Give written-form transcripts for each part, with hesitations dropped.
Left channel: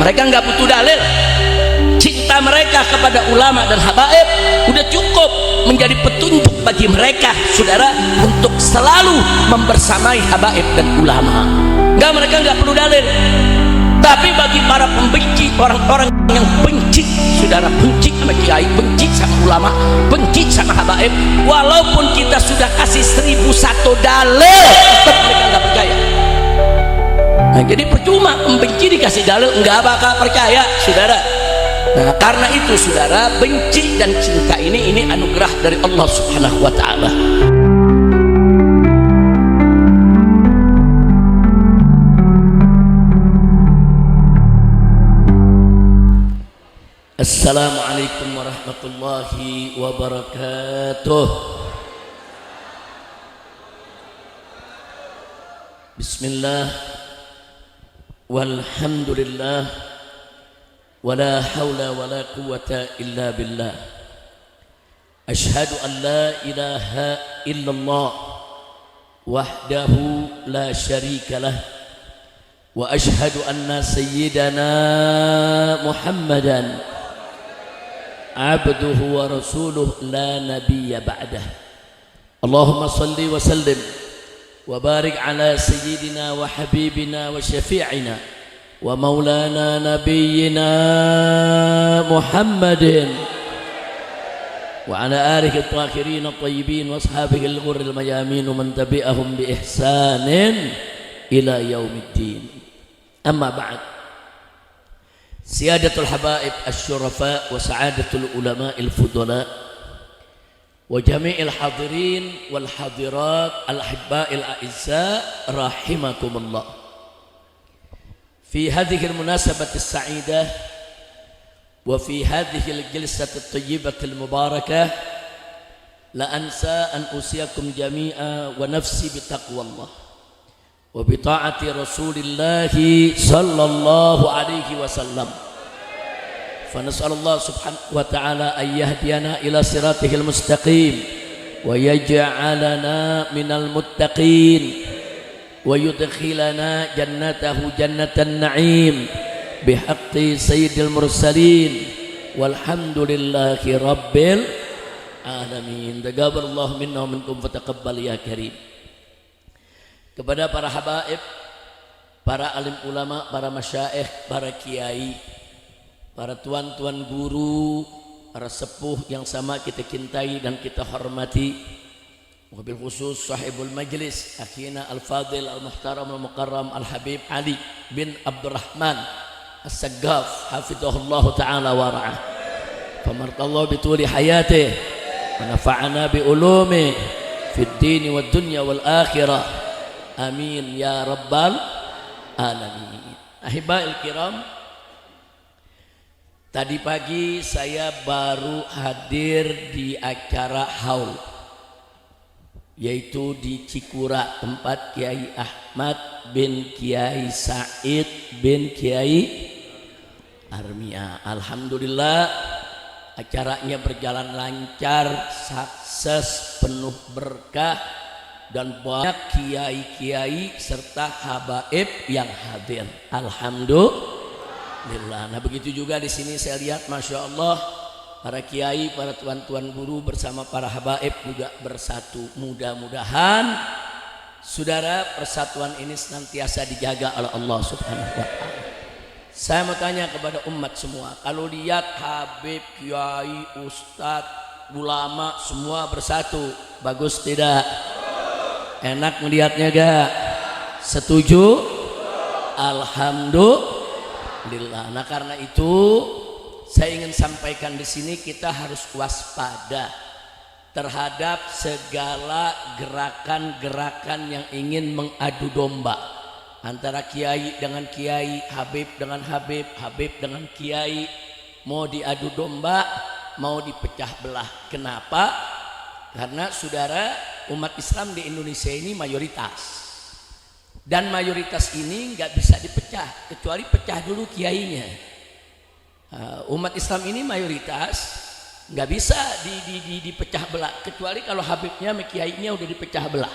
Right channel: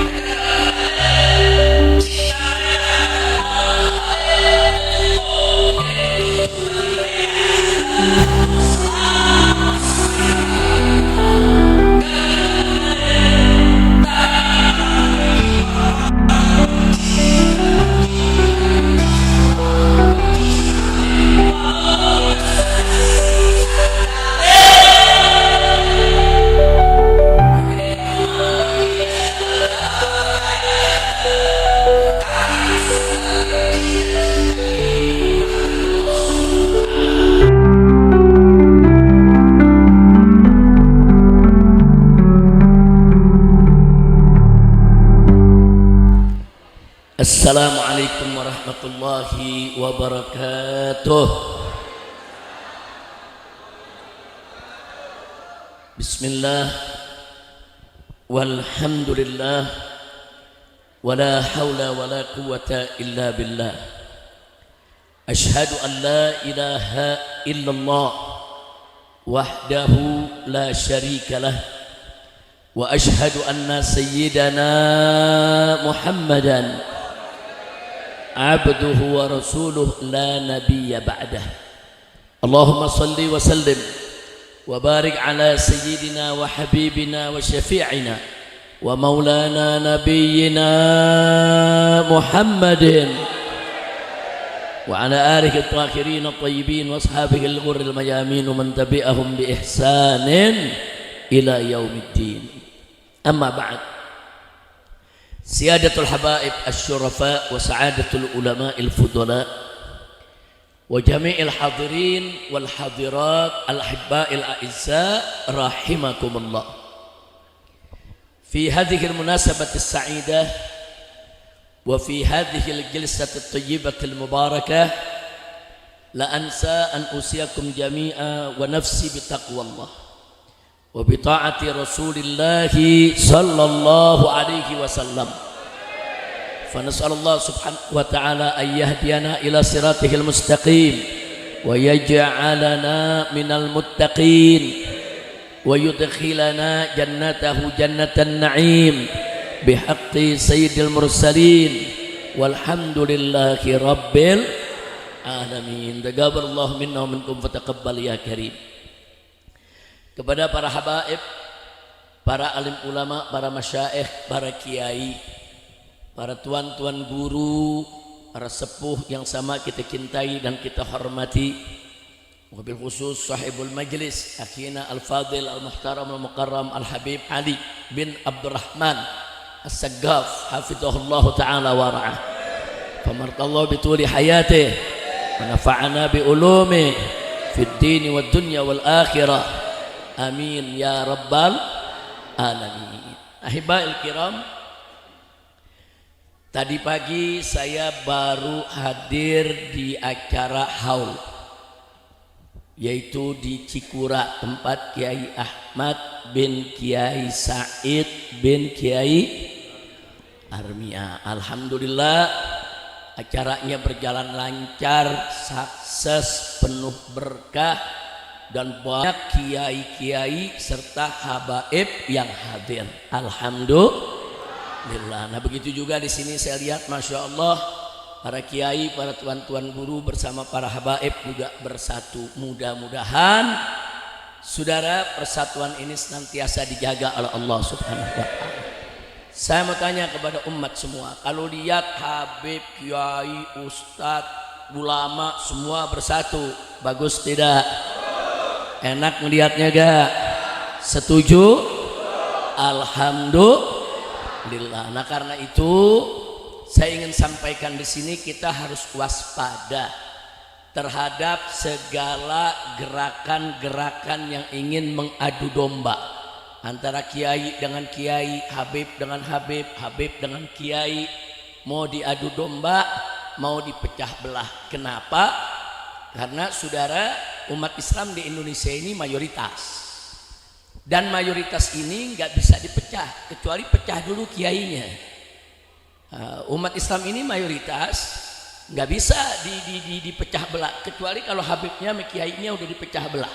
Mereka nggak butuh dalil. Cinta mereka kepada ulama dan habaib udah cukup menjadi petunjuk bagi mereka, saudara, untuk selalu membersamai habaib dan ulama. Mereka nggak perlu dalil. Tapi bagi para pembenci, orang-orang yang benci, saudara, benci sama kiai, benci sama ulama, benci sama habaib, walaupun kita sudah kasih 1001 dalil, nah, jadi percuma membenci dikasih dalil, nggak bakal percaya, saudara. Nah, karena itu, saudara, benci dan cinta ini anugerah dari Allah Subhanahu wa Ta'ala. Assalamualaikum warahmatullahi wabarakatuh. Bismillah walhamdulillah wala hawla wala quwwata illa billah. Ashhadu an la ilaha illallah wahdahu la syarika lah wa ashhadu anna sayyidana Muhammadan abduhu wa rasuluh la nabiyya ba'dah. Allahumma salli wa sallim wa barik ala sayyidina wa habibina wa syafi'ina wa maulana nabiyyina Muhammadin wa ala alihi at-tahirin at-tayyibin wa ashabihi al-ghurril mayamin wa man tabi'ahum bi ihsanin ila yaumiddin. Amma ba'd. Siyadatul habaib asy-syurafa wa sa'adatul ulama'il fudala wa jami'il hadirin wal hadirat al-ahibba'il a'izza rahimakumullah. Fi hadhihi al-munasabati as-sa'idah wa fi hadhihi al-jalsati at-tayyibati al-mubarakah la ansa an usiyakum jami'a wa nafsi bi taqwallah wa bi ta'ati Rasulillah sallallahu alaihi wasallam. Fa nas'alullah subhanahu wa ta'ala an yahdiyana ila siratihil mustaqim wa yaj'alana minal muttaqin wa yudkhilana jannatahu jannatan na'im bihaqqi sayyidil mursalin walhamdulillahi rabbil alamin. Taqabbalallahu minna wa minkum fataqabbal ya karim. Kepada para habaib, para alim ulama, para masyaikh, para kiai, para tuan-tuan guru, para sepuh yang sama kita cintai dan kita hormati, wabil khusus sahibul majlis akhina al-fadil al-muhtaram al-mukarram al-habib Ali bin Abdurrahman as-Saggaf hafidhahullah ta'ala wa ra'ah, famartallahu bituli hayatih wa nafa'ana bi ulumi fid dini wad dunya wal akhirah, amin ya rabbal alamin. Ahibail kiram, tadi pagi saya baru hadir di acara haul, yaitu di Cikura, tempat Kiai Ahmad bin Kiai Said bin Kiai Armia. Alhamdulillah acaranya berjalan lancar, sukses, penuh berkah, dan banyak kiai-kiai serta habaib yang hadir. Alhamdulillah. Nah, begitu juga di sini saya lihat, masya Allah, para kiai, para tuan-tuan guru bersama para habaib juga bersatu. Mudah-mudahan, saudara, persatuan ini senantiasa dijaga oleh Allah Subhanahu wa Ta'ala. Saya mau tanya kepada umat semua, kalau lihat habib, kiai, ustadz, ulama semua bersatu, bagus tidak? Enak melihatnya gak? Setuju? Alhamdulillah. Nah, karena itu saya ingin sampaikan di sini, kita harus waspada terhadap segala gerakan-gerakan yang ingin mengadu domba antara kiai dengan kiai, habib dengan habib, habib dengan kiai, mau diadu domba, mau dipecah belah. Kenapa? Karena saudara, umat Islam di Indonesia ini mayoritas, dan mayoritas ini nggak bisa dipecah kecuali pecah dulu kiainya. Umat Islam ini mayoritas, nggak bisa dipecah belah kecuali kalau habibnya sama kiainya udah dipecah belah.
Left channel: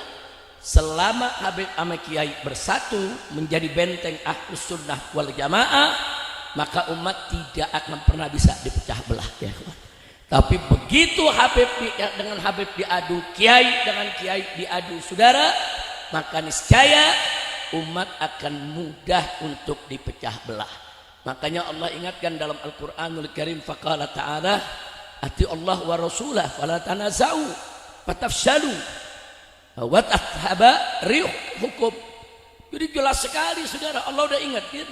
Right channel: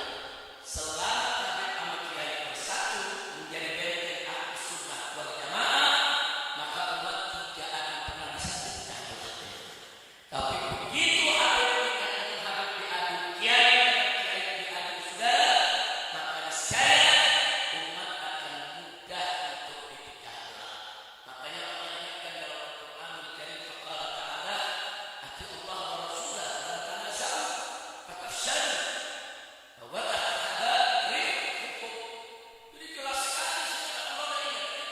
Selama habib sama kiai bersatu menjadi benteng Ahlus Sunnah wal Jamaah, maka umat tidak akan pernah bisa dipecah belah. Ya. Tapi begitu Habib dengan Habib diadu, kiai dengan kiai diadu saudara, maka niscaya umat akan mudah untuk dipecah belah. Makanya Allah ingatkan dalam Al-Qur'anul Karim, faqala ta'ala ati Allah wa rasulah fala tanaza'u fatafshalu wa tadhhaba rihukum. Jadi jelas sekali saudara, Allah udah ingatkan,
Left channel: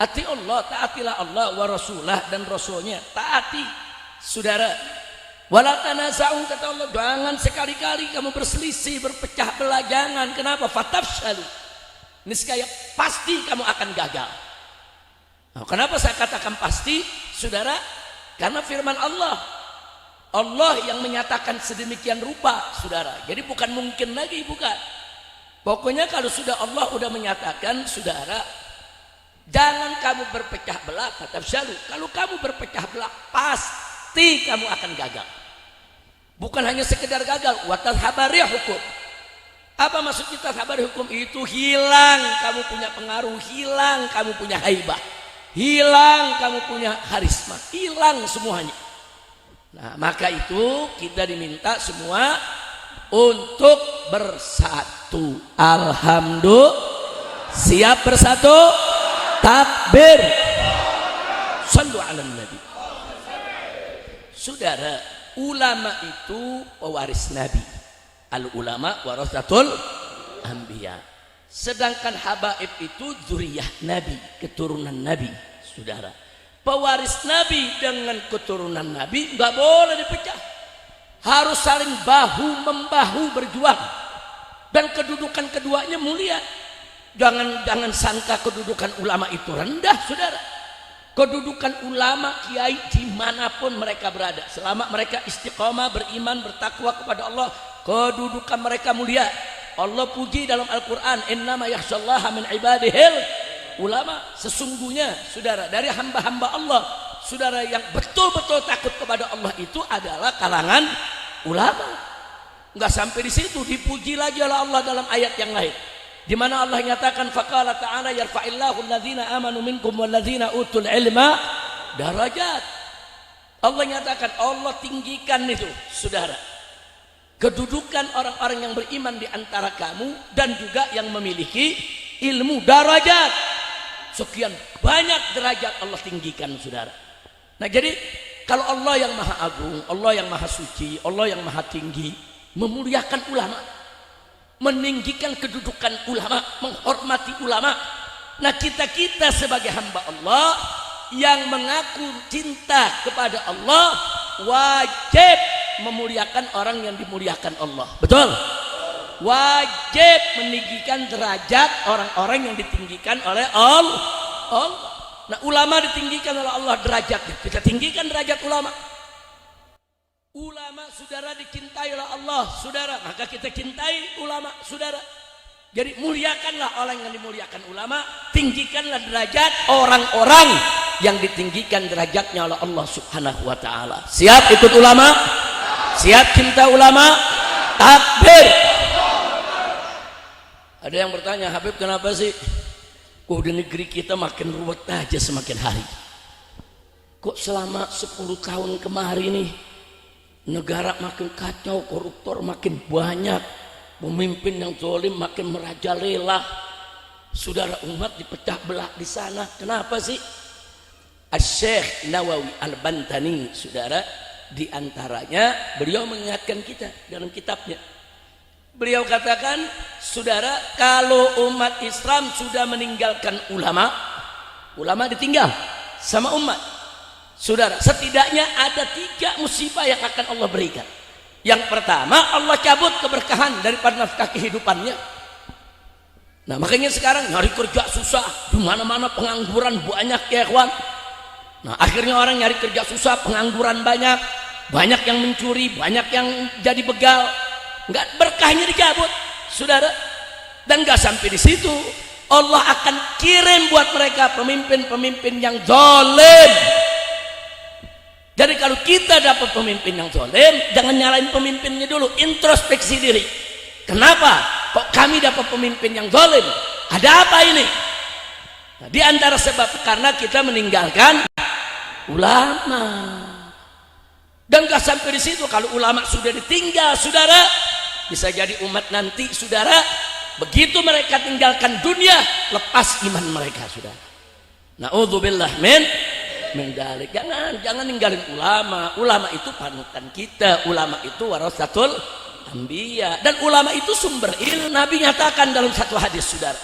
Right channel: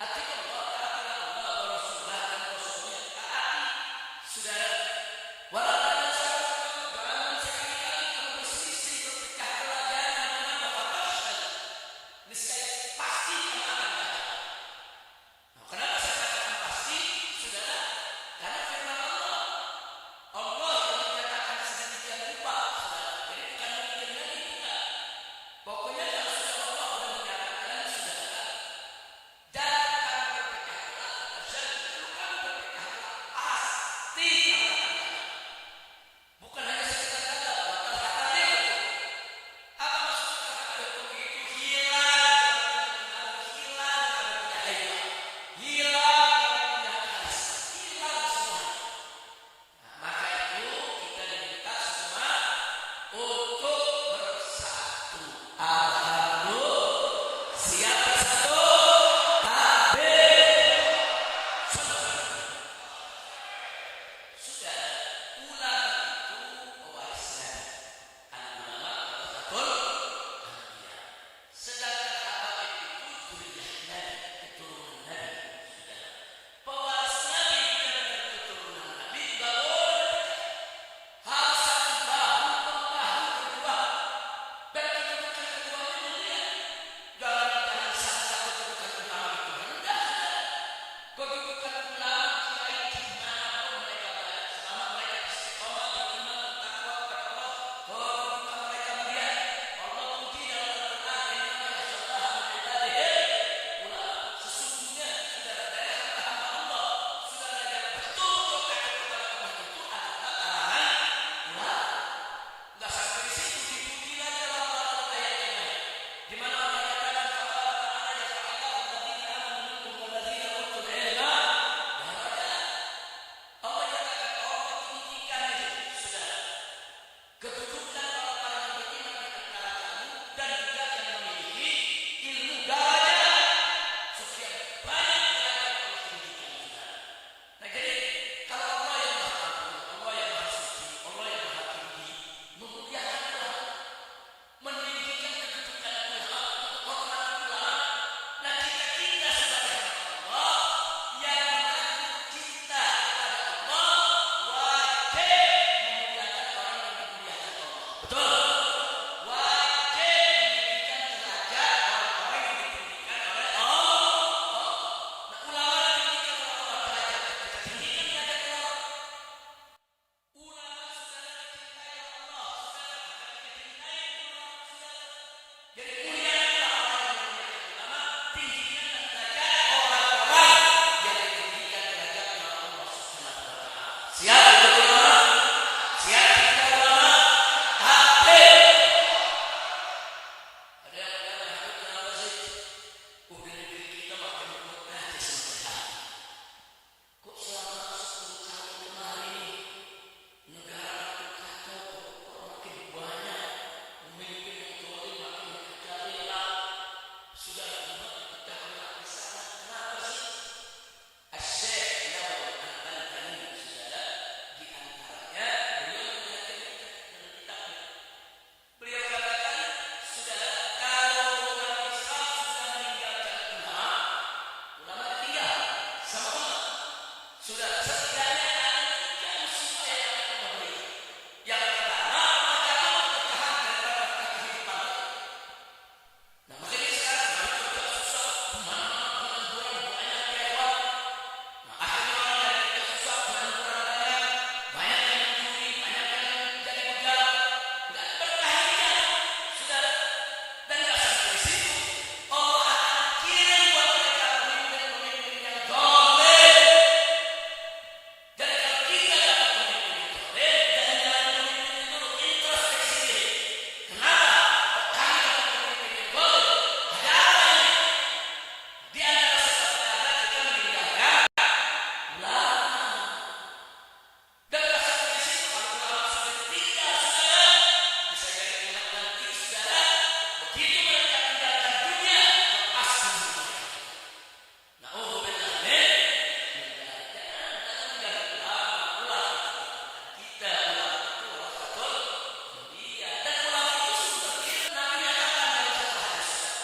ati Allah, taatilah Allah wa rasulah dan rasulnya, taati. Saudara, wala tanaza'u kata Allah, jangan sekali-kali kamu berselisih, berpecah belah, jangan. Kenapa? Fatafshalu. Niscaya pasti kamu akan gagal. Nah, kenapa saya katakan pasti, saudara? Karena firman Allah, Allah yang menyatakan sedemikian rupa, saudara. Jadi bukan mungkin lagi, bukan. Pokoknya kalau sudah Allah sudah menyatakan, saudara, jangan kamu berpecah belah, fatafshalu. Kalau kamu berpecah belah, pasti kamu akan gagal. Bukan hanya sekedar gagal, wa tadhhaba rihukum. Apa maksud kita sabar hukum itu? Hilang kamu punya pengaruh, hilang kamu punya haibah, hilang kamu punya karisma, hilang semuanya. Nah, maka itu kita diminta semua untuk bersatu. Alhamdulillah. Siap bersatu? Takbir. Shallu ala nabi. Saudara, ulama itu pewaris Nabi. Al-ulama warasatul anbiya. Sedangkan habaib itu zuriyah Nabi, keturunan Nabi, saudara. Pewaris Nabi dengan keturunan Nabi nggak boleh dipecah. Harus saling bahu membahu berjuang. Dan kedudukan keduanya mulia. Jangan sangka kedudukan ulama itu rendah, saudara. Kedudukan ulama, kiai dimanapun mereka berada, selama mereka istiqomah, beriman, bertakwa kepada Allah, kedudukan mereka mulia. Allah puji dalam Al-Quran, innama yakhshallaha min ibadihil ulama. Sesungguhnya saudara, dari hamba-hamba Allah, saudara, yang betul-betul takut kepada Allah itu adalah kalangan ulama. Enggak sampai di situ, dipuji lagi oleh Allah dalam ayat yang lain, di mana Allah nyatakan, faqala ta'ala yarfa'illahu alladhina amanu minkum walladhina utul ilma darajat. Allah nyatakan, Allah tinggikan itu, saudara, kedudukan orang-orang yang beriman di antara kamu dan juga yang memiliki ilmu, darajat. Sekian banyak derajat Allah tinggikan, saudara. Nah, jadi kalau Allah yang maha agung, Allah yang maha suci, Allah yang maha tinggi memuliakan ulama, meninggikan kedudukan ulama, menghormati ulama. Nah, kita sebagai hamba Allah yang mengaku cinta kepada Allah wajib memuliakan orang yang dimuliakan Allah. Betul? Wajib meninggikan derajat orang-orang yang ditinggikan oleh Allah. Nah, ulama ditinggikan oleh Allah derajatnya. Kita tinggikan derajat ulama. Ulama, saudara, dicintai oleh Allah, saudara, maka kita cintai ulama, saudara. Jadi muliakanlah orang yang dimuliakan ulama, tinggikanlah derajat orang-orang yang ditinggikan derajatnya oleh Allah Subhanahu wa taala. Siap ikut ulama? Siap cinta ulama? Takbir. Ada yang bertanya, Habib, kenapa sih kok di negeri kita makin ruwet aja semakin hari? Kok selama 10 tahun kemarin nih negara makin kacau, koruptor makin banyak, pemimpin yang zalim makin merajalela, saudara, umat dipecah belah di sana. Kenapa sih? Asy-Syaikh Nawawi Al-Bantani, saudara, di antaranya beliau mengingatkan kita dalam kitabnya. Beliau katakan, saudara, kalau umat Islam sudah meninggalkan ulama, ulama ditinggal sama umat. Saudara, setidaknya ada 3 musibah yang akan Allah berikan. Yang pertama, Allah cabut keberkahan daripada nafkah kehidupannya. Nah, makanya sekarang nyari kerja susah, di mana-mana pengangguran banyak, ya kawan. Nah, akhirnya orang nyari kerja susah, pengangguran banyak, banyak yang mencuri, banyak yang jadi begal. Enggak, berkahnya dicabut, saudara. Dan enggak sampai di situ, Allah akan kirim buat mereka pemimpin-pemimpin yang zalim. Jadi kalau kita dapat pemimpin yang zalim, jangan nyalain pemimpinnya dulu, introspeksi diri. Kenapa kok kami dapat pemimpin yang zalim? Ada apa ini? Nah, di antara sebab karena kita meninggalkan ulama. Dan gak sampai di situ, kalau ulama sudah ditinggal, saudara, bisa jadi umat nanti, saudara, begitu mereka tinggalkan dunia, lepas iman mereka, saudara. Na'udzubillah min dalik. Jangan ninggalin ulama. Ulama itu panutan kita. Ulama itu warasatul anbiya. Dan ulama itu sumber ilmu. Nabi nyatakan dalam satu hadis, saudara,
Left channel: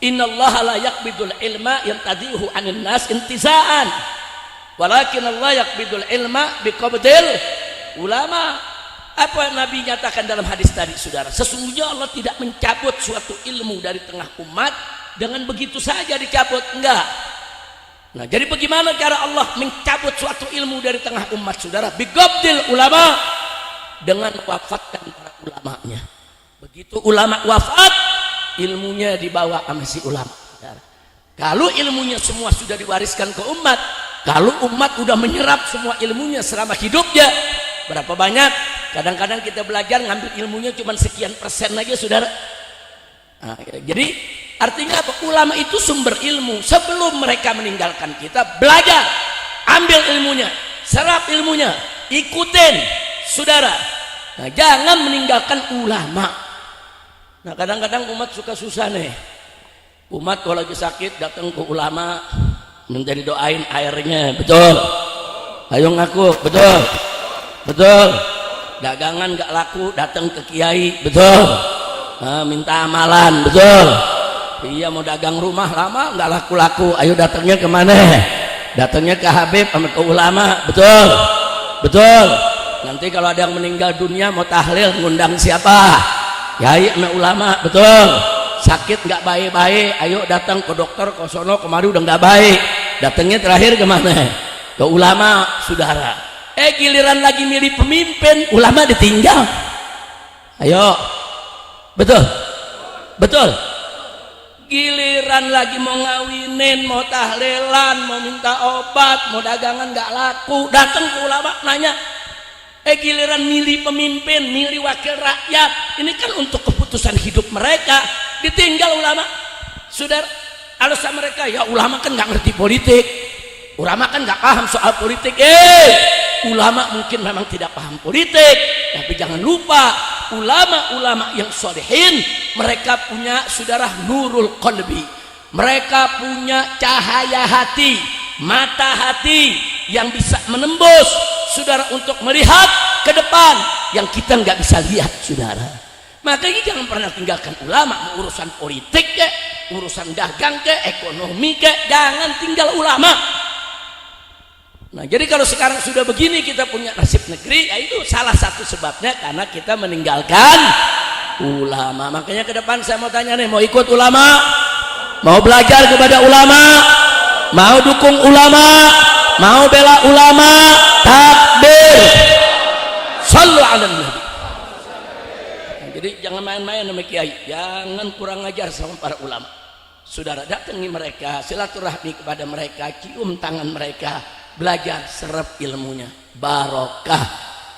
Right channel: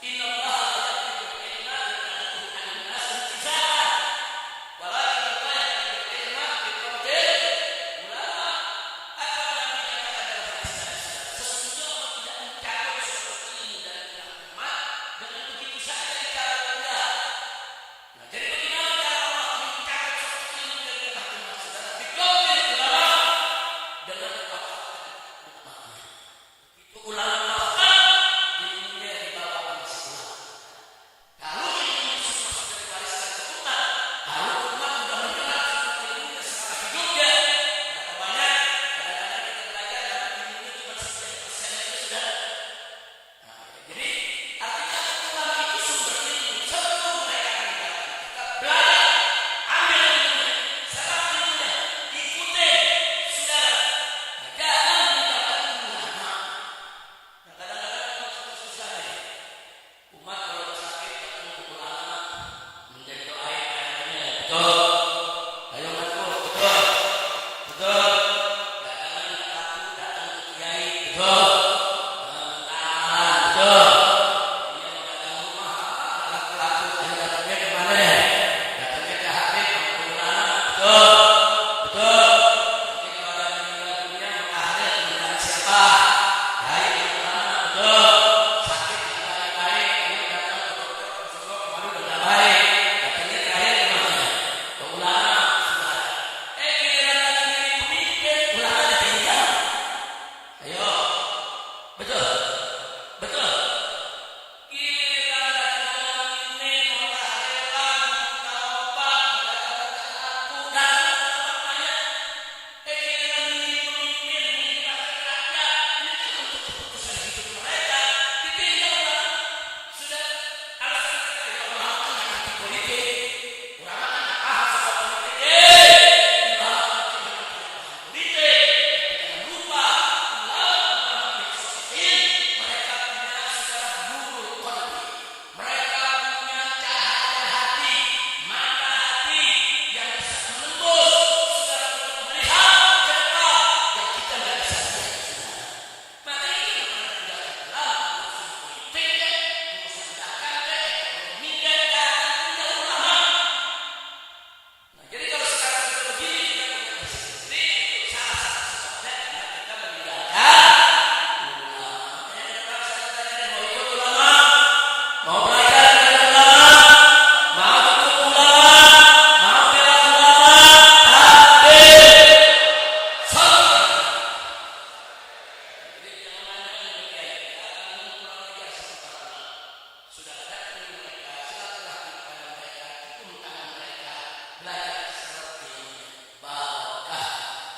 innallaha la yaqbidul ilma yantadihu 'anil nas intiza'an, walakin Allah yaqbidul ilma biqabdil ulama. Apa yang Nabi nyatakan dalam hadis tadi, saudara? Sesungguhnya Allah tidak mencabut suatu ilmu dari tengah umat dengan begitu saja dicabut, enggak. Nah, jadi bagaimana cara Allah mencabut suatu ilmu dari tengah umat, saudara? Biqabdil ulama, dengan wafatkan para ulamanya. Begitu ulama wafat, ilmunya dibawa sama si ulama. Kalau ilmunya semua sudah diwariskan ke umat, kalau umat sudah menyerap semua ilmunya selama hidupnya, berapa banyak? Kadang-kadang kita belajar ngambil ilmunya cuma sekian persen aja, saudara. Nah, jadi artinya apa? Ulama itu sumber ilmu. Sebelum mereka meninggalkan kita, belajar, ambil ilmunya, serap ilmunya, ikutin, saudara. Nah, jangan meninggalkan ulama. Nah, kadang-kadang umat suka susah nih. Umat kalau lagi sakit datang ke ulama, menjadi doain airnya, betul? Ayo ngaku, betul? Betul. Dagangan gak laku, datang ke kiai, betul? Nah, minta amalan, betul? Iya, mau dagang rumah lama gak laku-laku, ayo datangnya kemana? Datangnya ke Habib sama ke ulama, betul? Betul. Nanti kalau ada yang meninggal dunia mau tahlil, ngundang siapa? Kiai sama ulama, betul? Sakit gak baik-baik, ayo datang ke dokter, ke sono, kemari udah gak baik, datangnya terakhir kemana? Ke ulama, saudara. Giliran lagi milih pemimpin, ulama ditinggal. Ayo, betul? Betul? Giliran lagi mau ngawinin, mau tahlilan, mau minta obat, mau dagangan gak laku, datang ke ulama nanya. Giliran milih pemimpin, milih wakil rakyat, ini kan untuk keputusan hidup mereka, ditinggal ulama. Saudara, alasan mereka, ya ulama kan gak ngerti politik, ulama kan gak paham soal politik. Ulama mungkin memang tidak paham politik, tapi jangan lupa ulama-ulama yang sholihin, mereka punya, saudara, nurul qalbi, mereka punya cahaya hati, mata hati yang bisa menembus, saudara, untuk melihat ke depan yang kita nggak bisa lihat, saudara. Makanya jangan pernah tinggalkan ulama. Urusan politik ke, urusan dagang ke, ekonomi ke, jangan tinggal ulama. Nah, jadi kalau sekarang sudah begini kita punya nasib negeri, ya itu salah satu sebabnya karena kita meninggalkan ulama. Makanya ke depan saya mau tanya nih, mau ikut ulama? Mau belajar kepada ulama? Mau dukung ulama? Mau bela ulama? Takbir! Sallu ala nabi. Nah, jadi jangan main-main sama kiai, jangan kurang ajar sama para ulama. Saudara, datangi mereka, silaturahmi kepada mereka, cium tangan mereka, belajar, serap ilmunya, barokah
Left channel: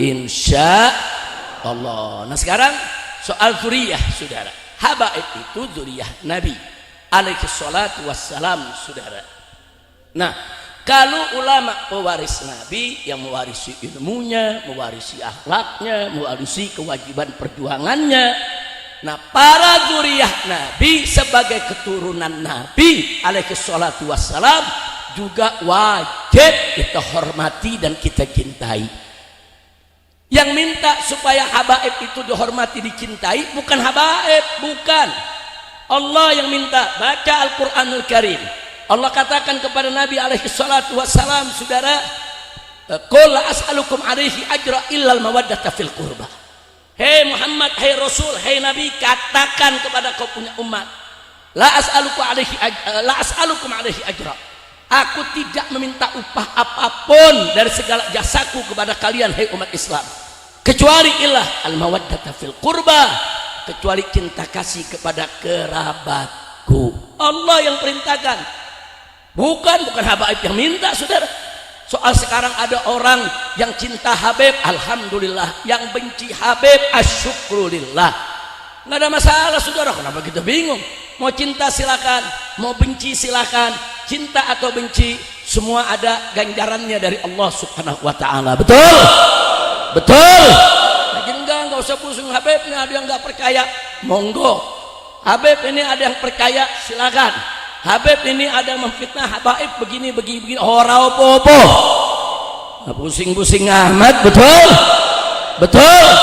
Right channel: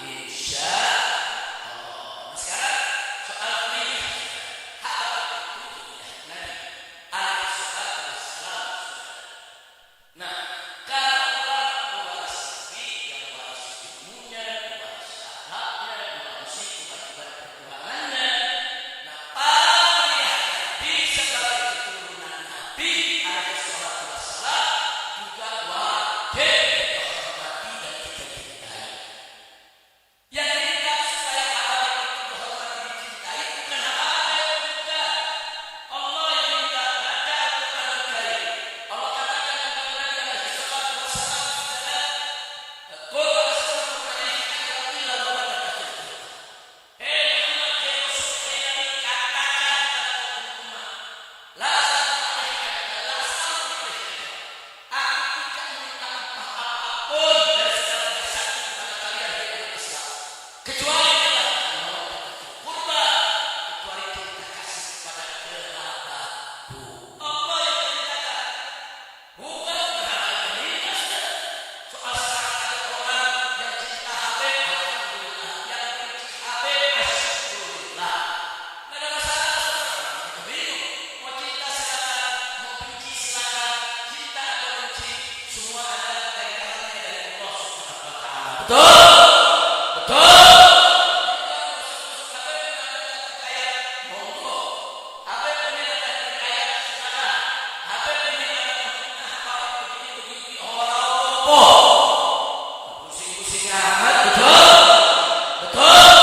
insya Allah. Nah, sekarang soal zuriyah, saudara. Habaib itu zuriyah Nabi alaihi salatu wassalam, saudara. Nah, kalau ulama pewaris Nabi yang mewarisi ilmunya, mewarisi akhlaknya, mewarisi kewajiban perjuangannya. Nah, para zuriyah Nabi sebagai keturunan Nabi alaihi salatu wassalam juga wajib kita hormati dan kita cintai. Yang minta supaya habaib itu dihormati, dicintai bukan habaib, bukan. Allah yang minta. Baca Al-Quranul Karim. Allah katakan kepada Nabi alaihi salatu wassalam, saudara, qul la as'alukum alaihi ajra illal mawaddata fil qurba. Hei Muhammad, hei Rasul, hei Nabi, katakan kepada kau punya umat, la as'alukum alaihi ajra. Aku tidak meminta upah apapun dari segala jasaku kepada kalian, hei umat Islam, kecuali ilah al-mawaddata fil qurba, kecuali cinta kasih kepada kerabatku. Allah yang perintahkan, bukan habaib yang minta, saudara. Soal sekarang ada orang yang cinta Habib, alhamdulillah, yang benci Habib, asyukrulillah. nggak ada masalah saudara. Kenapa kita bingung? Mau cinta silakan, mau benci silakan. Cinta atau benci semua ada ganjarannya dari Allah Subhanahu wa taala. Betul? Betul. Jadi enggak usah pusing. Habib ini ada yang enggak percaya, monggo. Habib ini ada yang percaya, silakan. Habib ini ada yang memfitnah habaib begini ora opo-opo. Nah, pusing-pusing amat. Betul? Betul.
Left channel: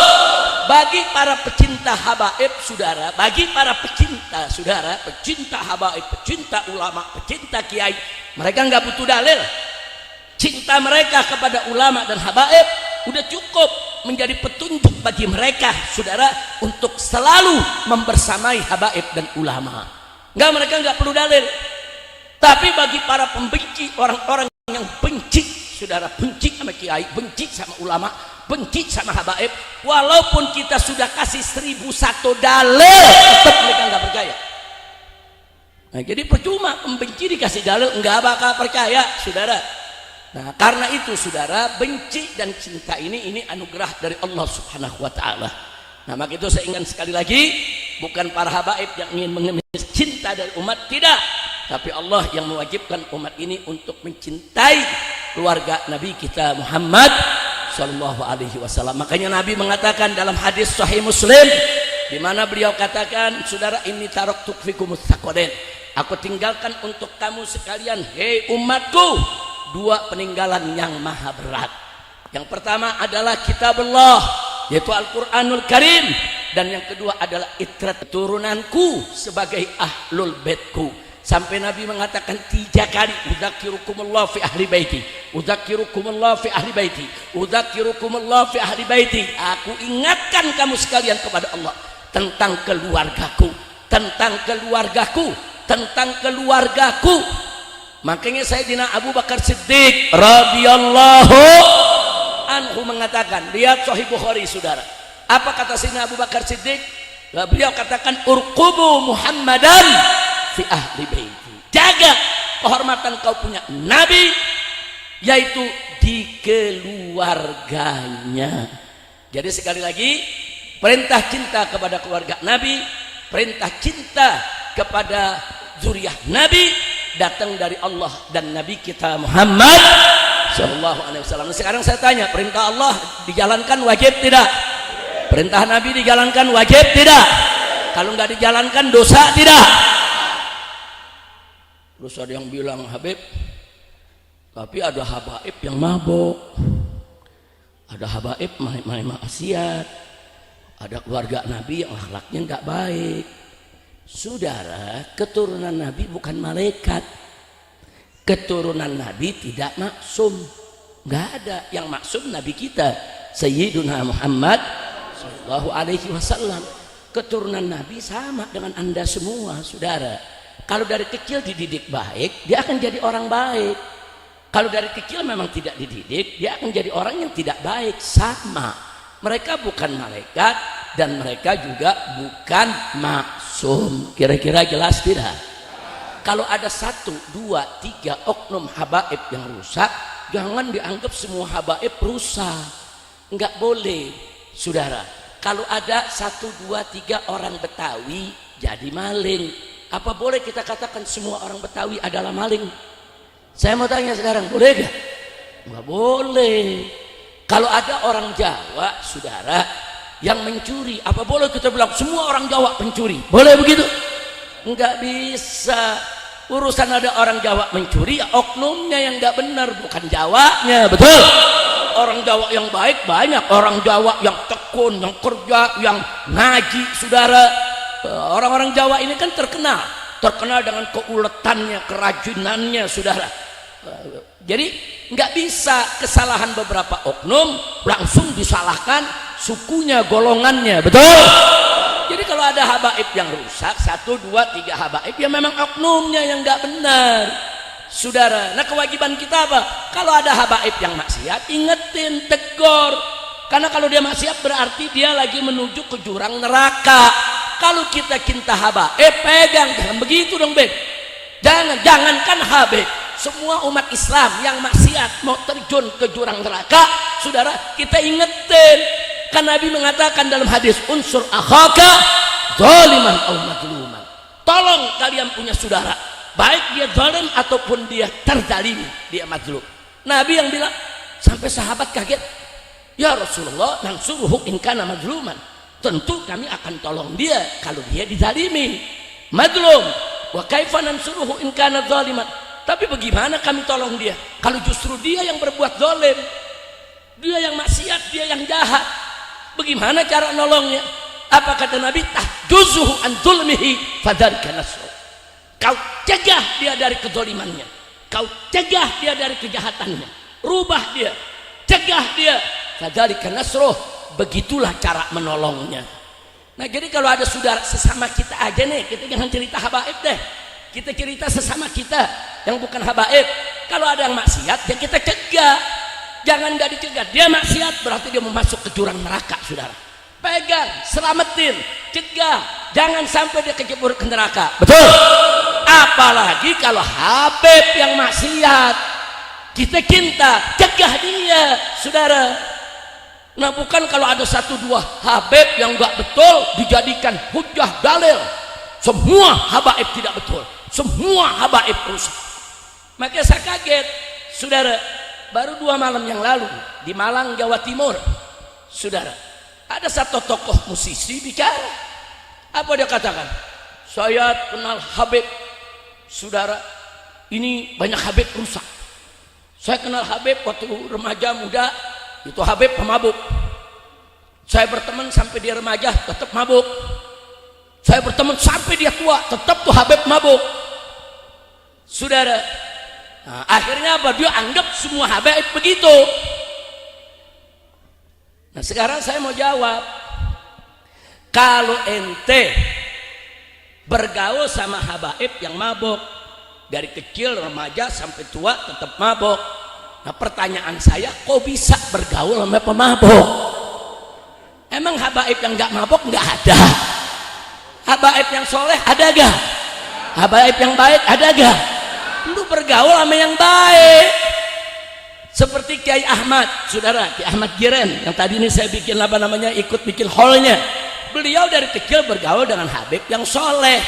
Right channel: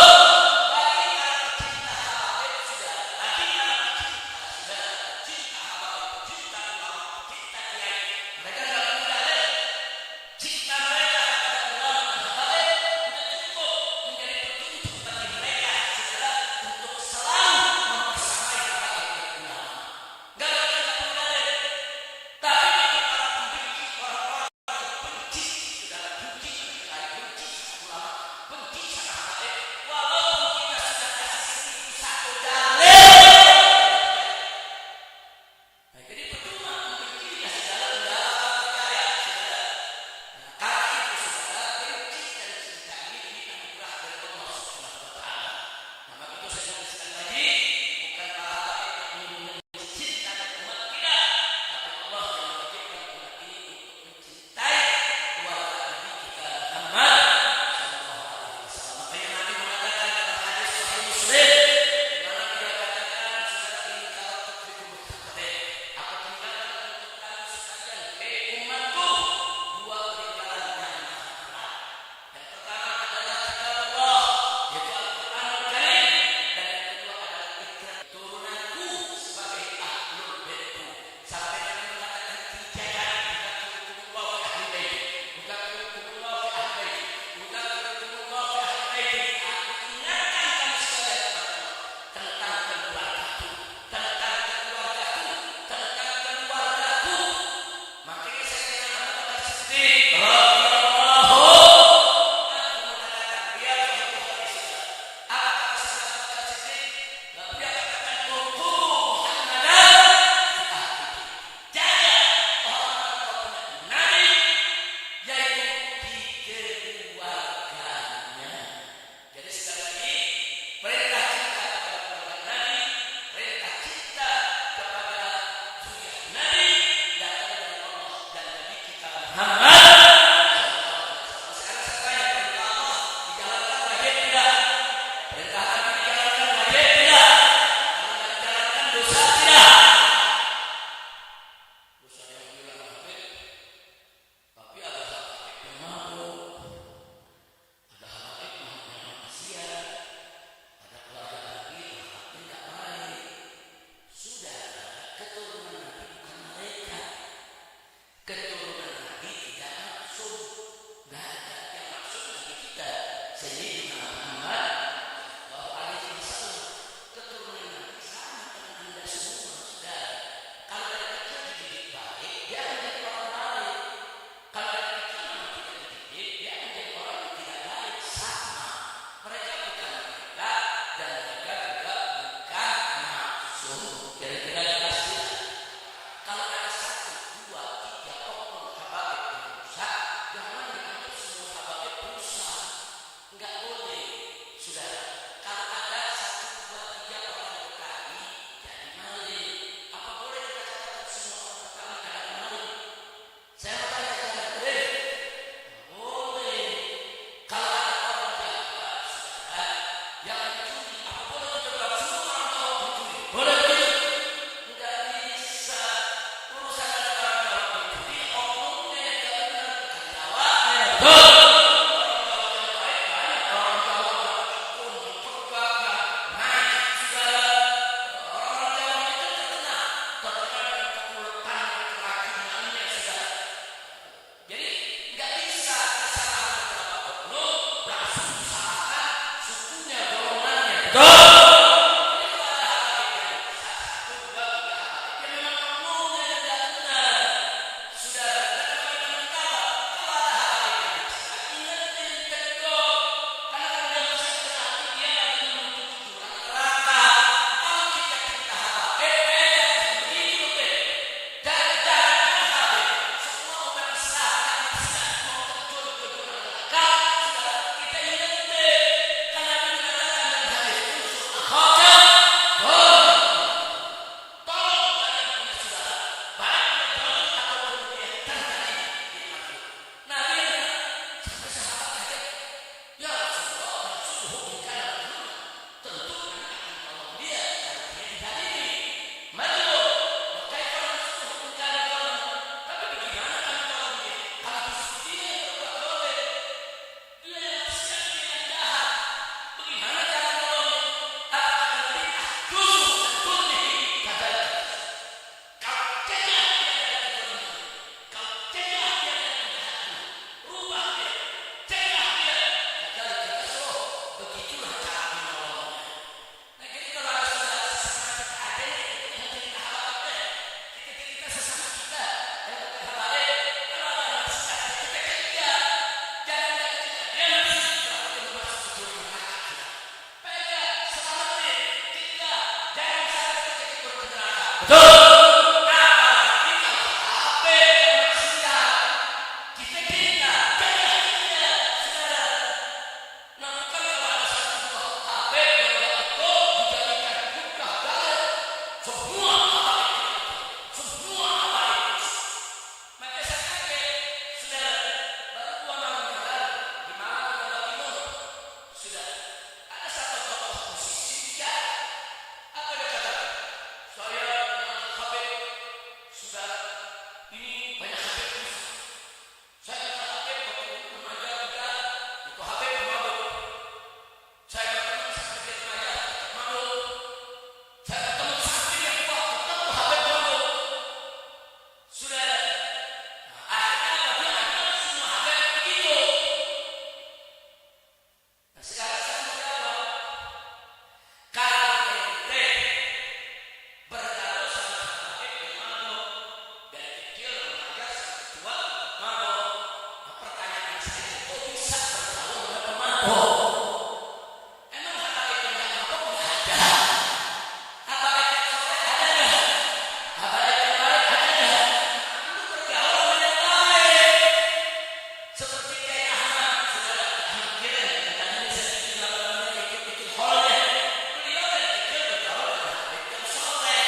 Bagi para pecinta habaib saudara, bagi para pecinta saudara, pecinta habaib, pecinta ulama, pecinta kiai, mereka nggak butuh dalil. Cinta mereka kepada ulama dan habaib udah cukup menjadi petunjuk bagi mereka saudara untuk selalu membersamai habaib dan ulama. Mereka nggak perlu dalil. Tapi bagi para pembenci, orang-orang yang benci saudara, benci sama kiai, benci sama ulama, benci sama habaib, walaupun kita sudah kasih 1001 dalil tetap mereka nggak percaya. Nah, jadi percuma membenci dikasih dalil, nggak bakal percaya saudara. Nah, karena itu saudara, benci dan cinta ini anugerah dari Allah Subhanahu wa taala. Nah, maka itu saya ingin sekali lagi, bukan para habaib yang ingin mengemis cinta dari umat, tidak, tapi Allah yang mewajibkan umat ini untuk mencintai keluarga Nabi kita Muhammad sallallahu alaihi wasallam. Makanya Nabi mengatakan dalam hadis Sahih Muslim, di mana beliau katakan, saudara, ini taraktu fikum tsaqalain, aku tinggalkan untuk kamu sekalian, hei umatku, dua peninggalan yang maha berat. Yang pertama adalah kitabullah, yaitu Al-Quranul Karim, dan yang kedua adalah itrat turunanku sebagai ahlul baitku. Sampai Nabi mengatakan 3 kali, udzakirukumullah fi ahli baiti, udzakirukumullah fi ahli baiti, udzakirukumullah fi ahli baiti. Aku ingatkan kamu sekalian kepada Allah tentang keluargaku, tentang keluargaku, tentang keluargaku. Makanya Sayyidina Abu Bakar Siddiq radhiyallahu anhu mengatakan, lihat Sahih Bukhari saudara, apa kata Sayyidina Abu Bakar Siddiq? Beliau katakan, urqubu Muhammadan fi ahli baiti, jaga kehormatan kau punya Nabi, yaitu di keluarganya. Jadi sekali lagi, perintah cinta kepada keluarga Nabi, perintah cinta kepada zuriyah Nabi datang dari Allah dan Nabi kita Muhammad sallallahu alaihi wasallam. Sekarang saya tanya, perintah Allah dijalankan wajib tidak? Perintah Nabi dijalankan wajib tidak? Kalau nggak dijalankan dosa tidak? Terus ada yang bilang, Habib, tapi ada habaib yang mabuk, ada habaib main maksiat, ada keluarga Nabi yang akhlaknya nggak baik. Saudara, keturunan Nabi bukan malaikat, keturunan Nabi tidak maksum, nggak ada yang maksum Nabi kita Sayyiduna Muhammad sallallahu alaihi wasallam. Keturunan Nabi sama dengan anda semua saudara. Kalau dari kecil dididik baik, dia akan jadi orang baik. Kalau dari kecil memang tidak dididik, dia akan jadi orang yang tidak baik. Sama, mereka bukan malaikat dan mereka juga bukan maksum. Kira-kira jelas tidak? Kalau ada 1, 2, 3 oknum habaib yang rusak, jangan dianggap semua habaib rusak. Enggak boleh saudara. Kalau ada 1, 2, 3 orang Betawi jadi maling, apa boleh kita katakan semua orang Betawi adalah maling? Saya mau tanya sekarang, boleh gak? Nggak boleh. Kalau ada orang Jawa saudara yang mencuri, apa boleh kita bilang semua orang Jawa pencuri? Boleh begitu? Nggak bisa. Urusan ada orang Jawa mencuri, oknumnya yang nggak benar, bukan Jawanya. Betul? Orang Jawa yang baik banyak, orang Jawa yang tekun, yang kerja, yang ngaji saudara. Orang-orang Jawa ini kan terkenal dengan keuletannya, kerajinannya saudara. Jadi nggak bisa kesalahan beberapa oknum langsung disalahkan sukunya, golongannya. Betul? Jadi kalau ada habaib yang rusak, 1, 2, 3 habaib, ya memang oknumnya yang nggak benar saudara. Nah, kewajiban kita apa? Kalau ada habaib yang maksiat, ingetin, tegur. Karena kalau dia maksiat berarti dia lagi menuju ke jurang neraka. Kalau kita cinta habaib, pegang, jangan begitu dong, Beb. Jangankan habaib, semua umat Islam yang maksiat mau terjun ke jurang neraka, saudara, kita ingetin. Kan Nabi mengatakan dalam hadis, unsur akhaka zaliman aw mazluman. Tolong kalian punya saudara, baik dia zalim ataupun dia terzalimi, dia mazlum. Nabi yang bilang, sampai sahabat kaget, ya Rasulullah, nansuruhu in kana mazluman. Tentu kami akan tolong dia kalau dia dizalimi, mazlum. Wa kaifa nansuruhu in kana zaliman. Tapi bagaimana kami tolong dia kalau justru dia yang berbuat zalim, dia yang maksiat, dia yang jahat? Bagaimana cara nolongnya? Apa kata Nabi? Tahjuzuhu an zulmihi fadzalika nasr. Kau cegah dia dari kezalimannya, kau cegah dia dari kejahatannya, rubah dia, cegah dia, fadzalika nasruh. Begitulah cara menolongnya. Nah, jadi kalau ada saudara sesama kita aja nih, kita jangan cerita habaib deh, kita cerita sesama kita yang bukan habaib. Kalau ada yang maksiat ya kita cegah, jangan dari cegah. Dia maksiat berarti dia mau masuk ke jurang neraka, saudara. Pegang, selamatin, cegah, jangan sampai dia kecebur ke neraka. Betul. Apalagi kalau habib yang maksiat, kita cinta, cegah dia, saudara. Nah, bukan kalau ada satu dua habib yang enggak betul dijadikan hujah dalil. Semua habaib tidak betul, semua habaib rusak. Makanya saya kaget, saudara. Baru 2 malam yang lalu di Malang, Jawa Timur, saudara, ada satu tokoh musisi bicara. Apa dia katakan? Saya kenal habib, saudara. Ini banyak habib rusak. Saya kenal habib waktu remaja muda, itu habib pemabuk. Saya berteman sampai dia remaja tetap mabuk. Saya berteman sampai dia tua tetap tuh habib mabuk, saudara. Nah, akhirnya apa? Dia anggap semua habaib begitu. Nah, sekarang saya mau jawab, kalau ente bergaul sama habaib yang mabuk dari kecil remaja sampai tua tetap mabuk, nah pertanyaan saya, kok bisa bergaul sama pemabuk? Emang habaib yang nggak mabuk nggak ada? Habaib yang soleh ada gak? Habaib yang baik ada gak? Lu bergaul sama yang baik. Seperti Kiai Ahmad, saudara, Kiai Ahmad Giren yang tadi ini saya bikin ikut bikin hallnya. Beliau dari kecil bergaul dengan habib yang soleh,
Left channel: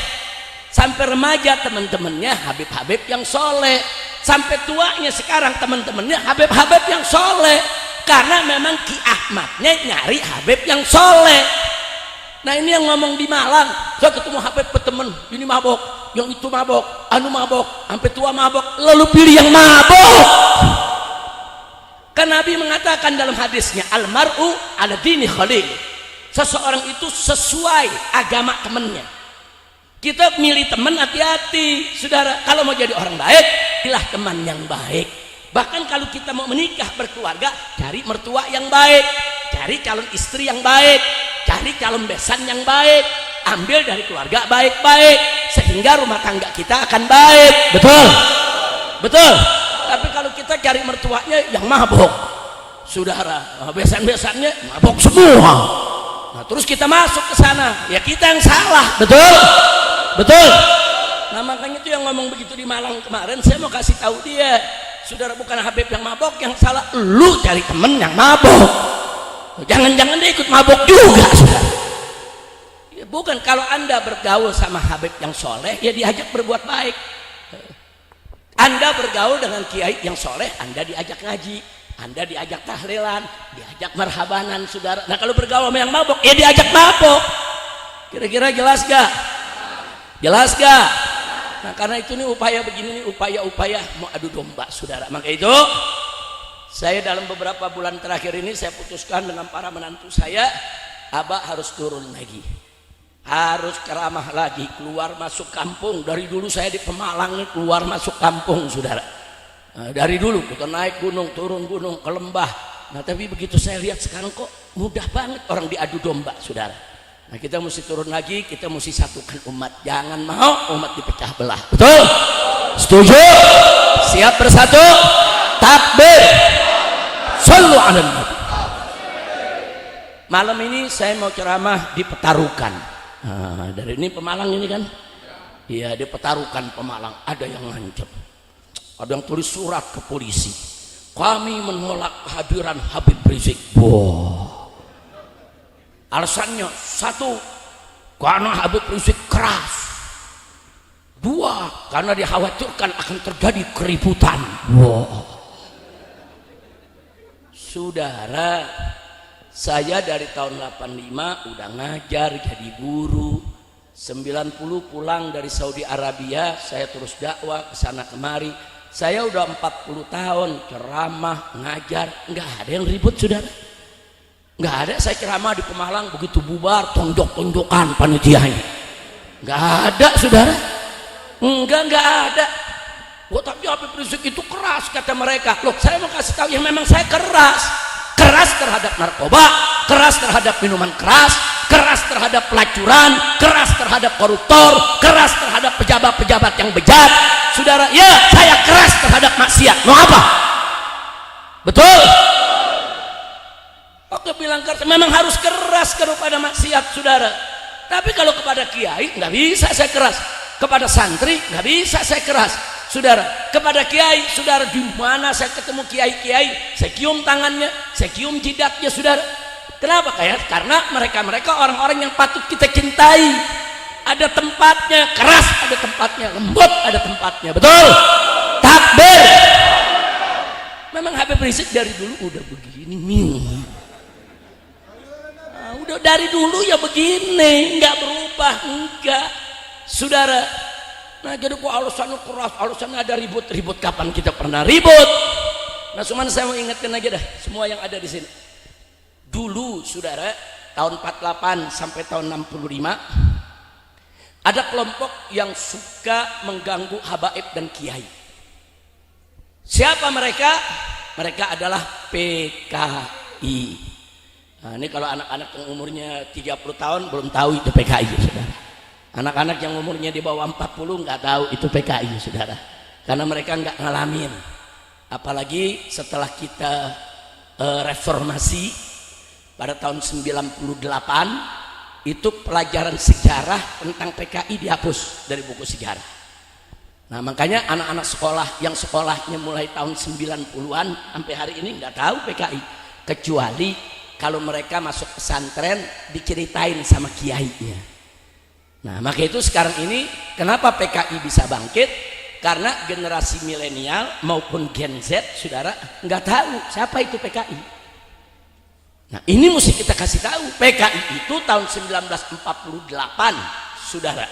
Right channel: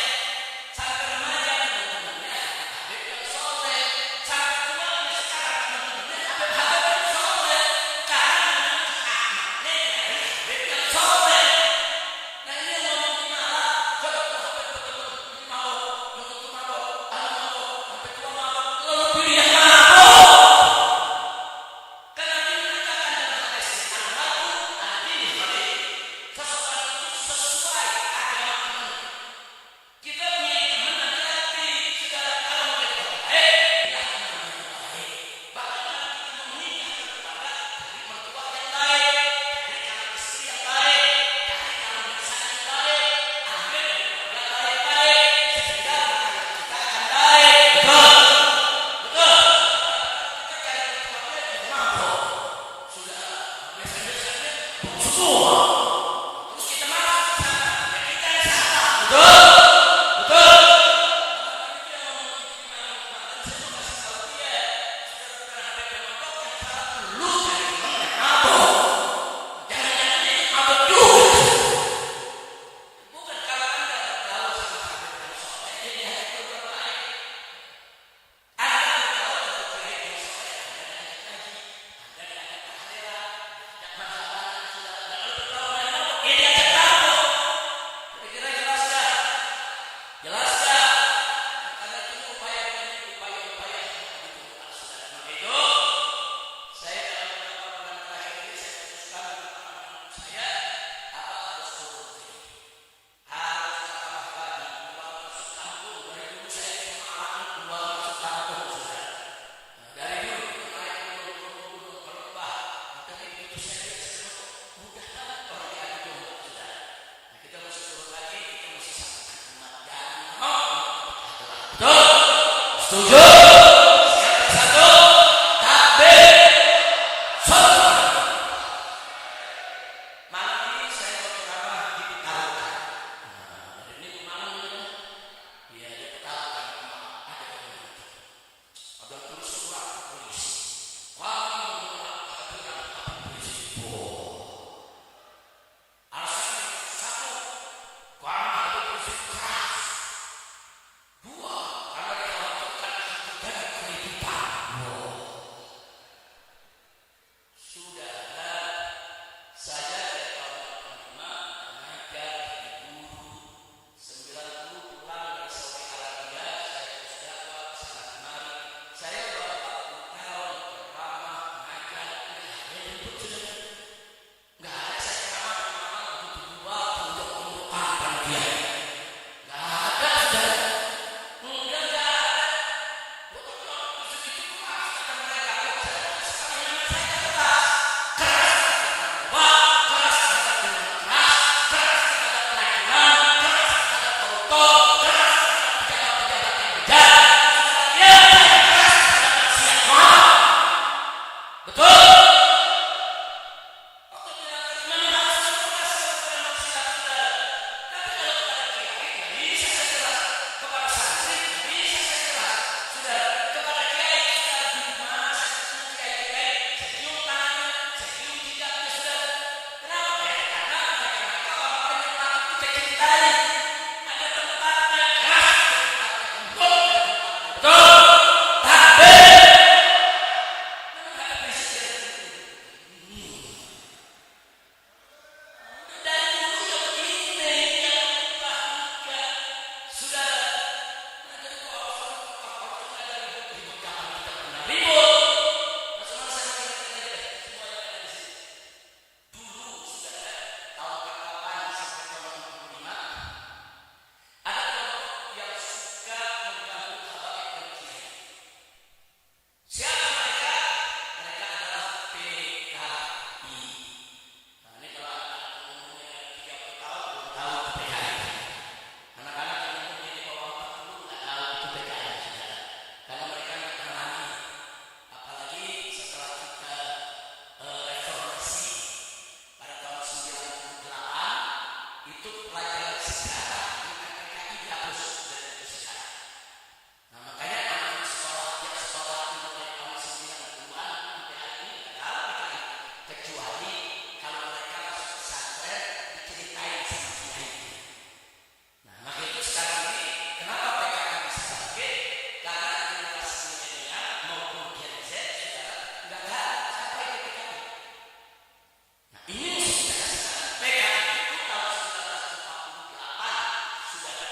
sampai remaja teman-temannya habib-habib yang soleh, sampai tuanya sekarang teman-temannya habib-habib yang soleh. Karena memang Ki Ahmadnya nyari habib yang soleh. Nah, ini yang ngomong di Malang, saya ketemu habib berteman, ini mabok, yang itu mabok, anu mabok, sampai tua mabok, lalu pilih yang mabok. Kan Nabi mengatakan dalam hadisnya, almar'u ala dini khalil. Seseorang itu sesuai agama temannya. Kita milih teman hati-hati, saudara. Kalau mau jadi orang baik, pilih teman yang baik. Bahkan kalau kita mau menikah berkeluarga, cari mertua yang baik, cari calon istri yang baik, cari calon besan yang baik, ambil dari keluarga baik-baik, sehingga rumah tangga kita akan baik. Betul, betul. Tapi kalau kita cari mertuanya yang mabok, saudara, besan-besannya mabok semua. Nah, terus kita masuk ke sana, ya kita yang salah. Betul, betul. Nah, makanya itu yang ngomong begitu di Malang kemarin, saya mau kasih tahu dia, saudara, bukan habib yang mabok yang salah, lu cari temen yang mabok. Jangan-jangan dia ikut mabok juga. Ya, bukan, kalau anda bergaul sama habib yang soleh, ya diajak berbuat baik. Anda bergaul dengan kiai yang soleh, anda diajak ngaji, anda diajak tahlilan, diajak marhabanan, saudara. Nah, kalau bergaul sama yang mabok, ya diajak mabok. Kira-kira jelas gak? Jelas gak? Nah, karena itu nih upaya begini, upaya-upaya mau adu domba, saudara. Maka itu saya dalam beberapa bulan terakhir ini saya putuskan dengan para menantu saya, Abah harus turun lagi, harus ceramah lagi, keluar masuk kampung. Dari dulu saya di Pemalang keluar masuk kampung, saudara. Nah, dari dulu kita naik gunung, turun gunung, ke lembah. Nah, tapi begitu saya lihat sekarang kok mudah banget orang diadu domba, saudara. Nah, kita mesti turun lagi, kita mesti satukan umat. Jangan mau umat dipecah belah. Betul? Setuju? Siap bersatu? Takbir. Shallu ala nabi. Malam ini saya mau ceramah di Petarukan. Nah, dari ini Pemalang ini kan? Iya, di Petarukan Pemalang. Ada yang ngancam, ada yang tulis surat ke polisi. Kami menolak kehadiran Habib Rizik. Wow. Alasannya satu, karena Habib Rizik keras. Dua, karena dikhawatirkan akan terjadi keributan. Wow. Saudara, saya dari tahun 85 udah ngajar jadi guru. 90 pulang dari Saudi Arabia, saya terus dakwah ke sana kemari. Saya udah 40 tahun ceramah, ngajar, nggak ada yang ribut, saudara. Nggak ada. Saya ceramah di Pemalang begitu bubar tonjok-tonjokan panitianya. Nggak ada, saudara. Nggak ada. Wah, tapi Habib Rizik itu keras kata mereka. Loh, saya mau kasih tahu yang memang saya keras. Keras terhadap narkoba, keras terhadap minuman keras, keras terhadap pelacuran, keras terhadap koruptor, keras terhadap pejabat-pejabat yang bejat. Saudara, ya saya keras terhadap maksiat. Mau apa? Betul? Waktu bilang keras, memang harus keras kepada maksiat, saudara. Tapi kalau kepada kiai nggak bisa saya keras. Kepada santri nggak bisa saya keras, saudara. Kepada kiai, saudara, di mana saya ketemu kiai-kiai, saya cium tangannya, saya cium jidatnya, saudara. Kenapa? Karena mereka orang-orang yang patut kita cintai. Ada tempatnya, keras ada tempatnya, lembut ada tempatnya, betul? Takbir. Memang Habib Rizik dari dulu udah begini. Nah, udah dari dulu ya begini, nggak berubah, enggak. Saudara, nah jadi kok alasannya keras, alasannya ada ribut kapan kita pernah ribut? Nah, cuman saya mau ingatkan aja dah semua yang ada di sini. Dulu, saudara, tahun 48 sampai tahun 65 ada kelompok yang suka mengganggu habaib dan kiai. Siapa mereka? Mereka adalah PKI. Nah, ini kalau anak-anak yang umurnya 30 tahun belum tahu itu PKI, saudara. Anak-anak yang umurnya di bawah 40 nggak tahu itu PKI, saudara, karena mereka nggak ngalamin. Apalagi setelah kita reformasi pada tahun 98, itu pelajaran sejarah tentang PKI dihapus dari buku sejarah. Nah, makanya anak-anak sekolah yang sekolahnya mulai tahun 90-an sampai hari ini nggak tahu PKI, kecuali kalau mereka masuk pesantren diceritain sama kiainya. Nah, maka itu sekarang ini kenapa PKI bisa bangkit? Karena generasi milenial maupun Gen Z, saudara, nggak tahu siapa itu PKI. Nah, ini mesti kita kasih tahu. PKI itu tahun 1948, saudara,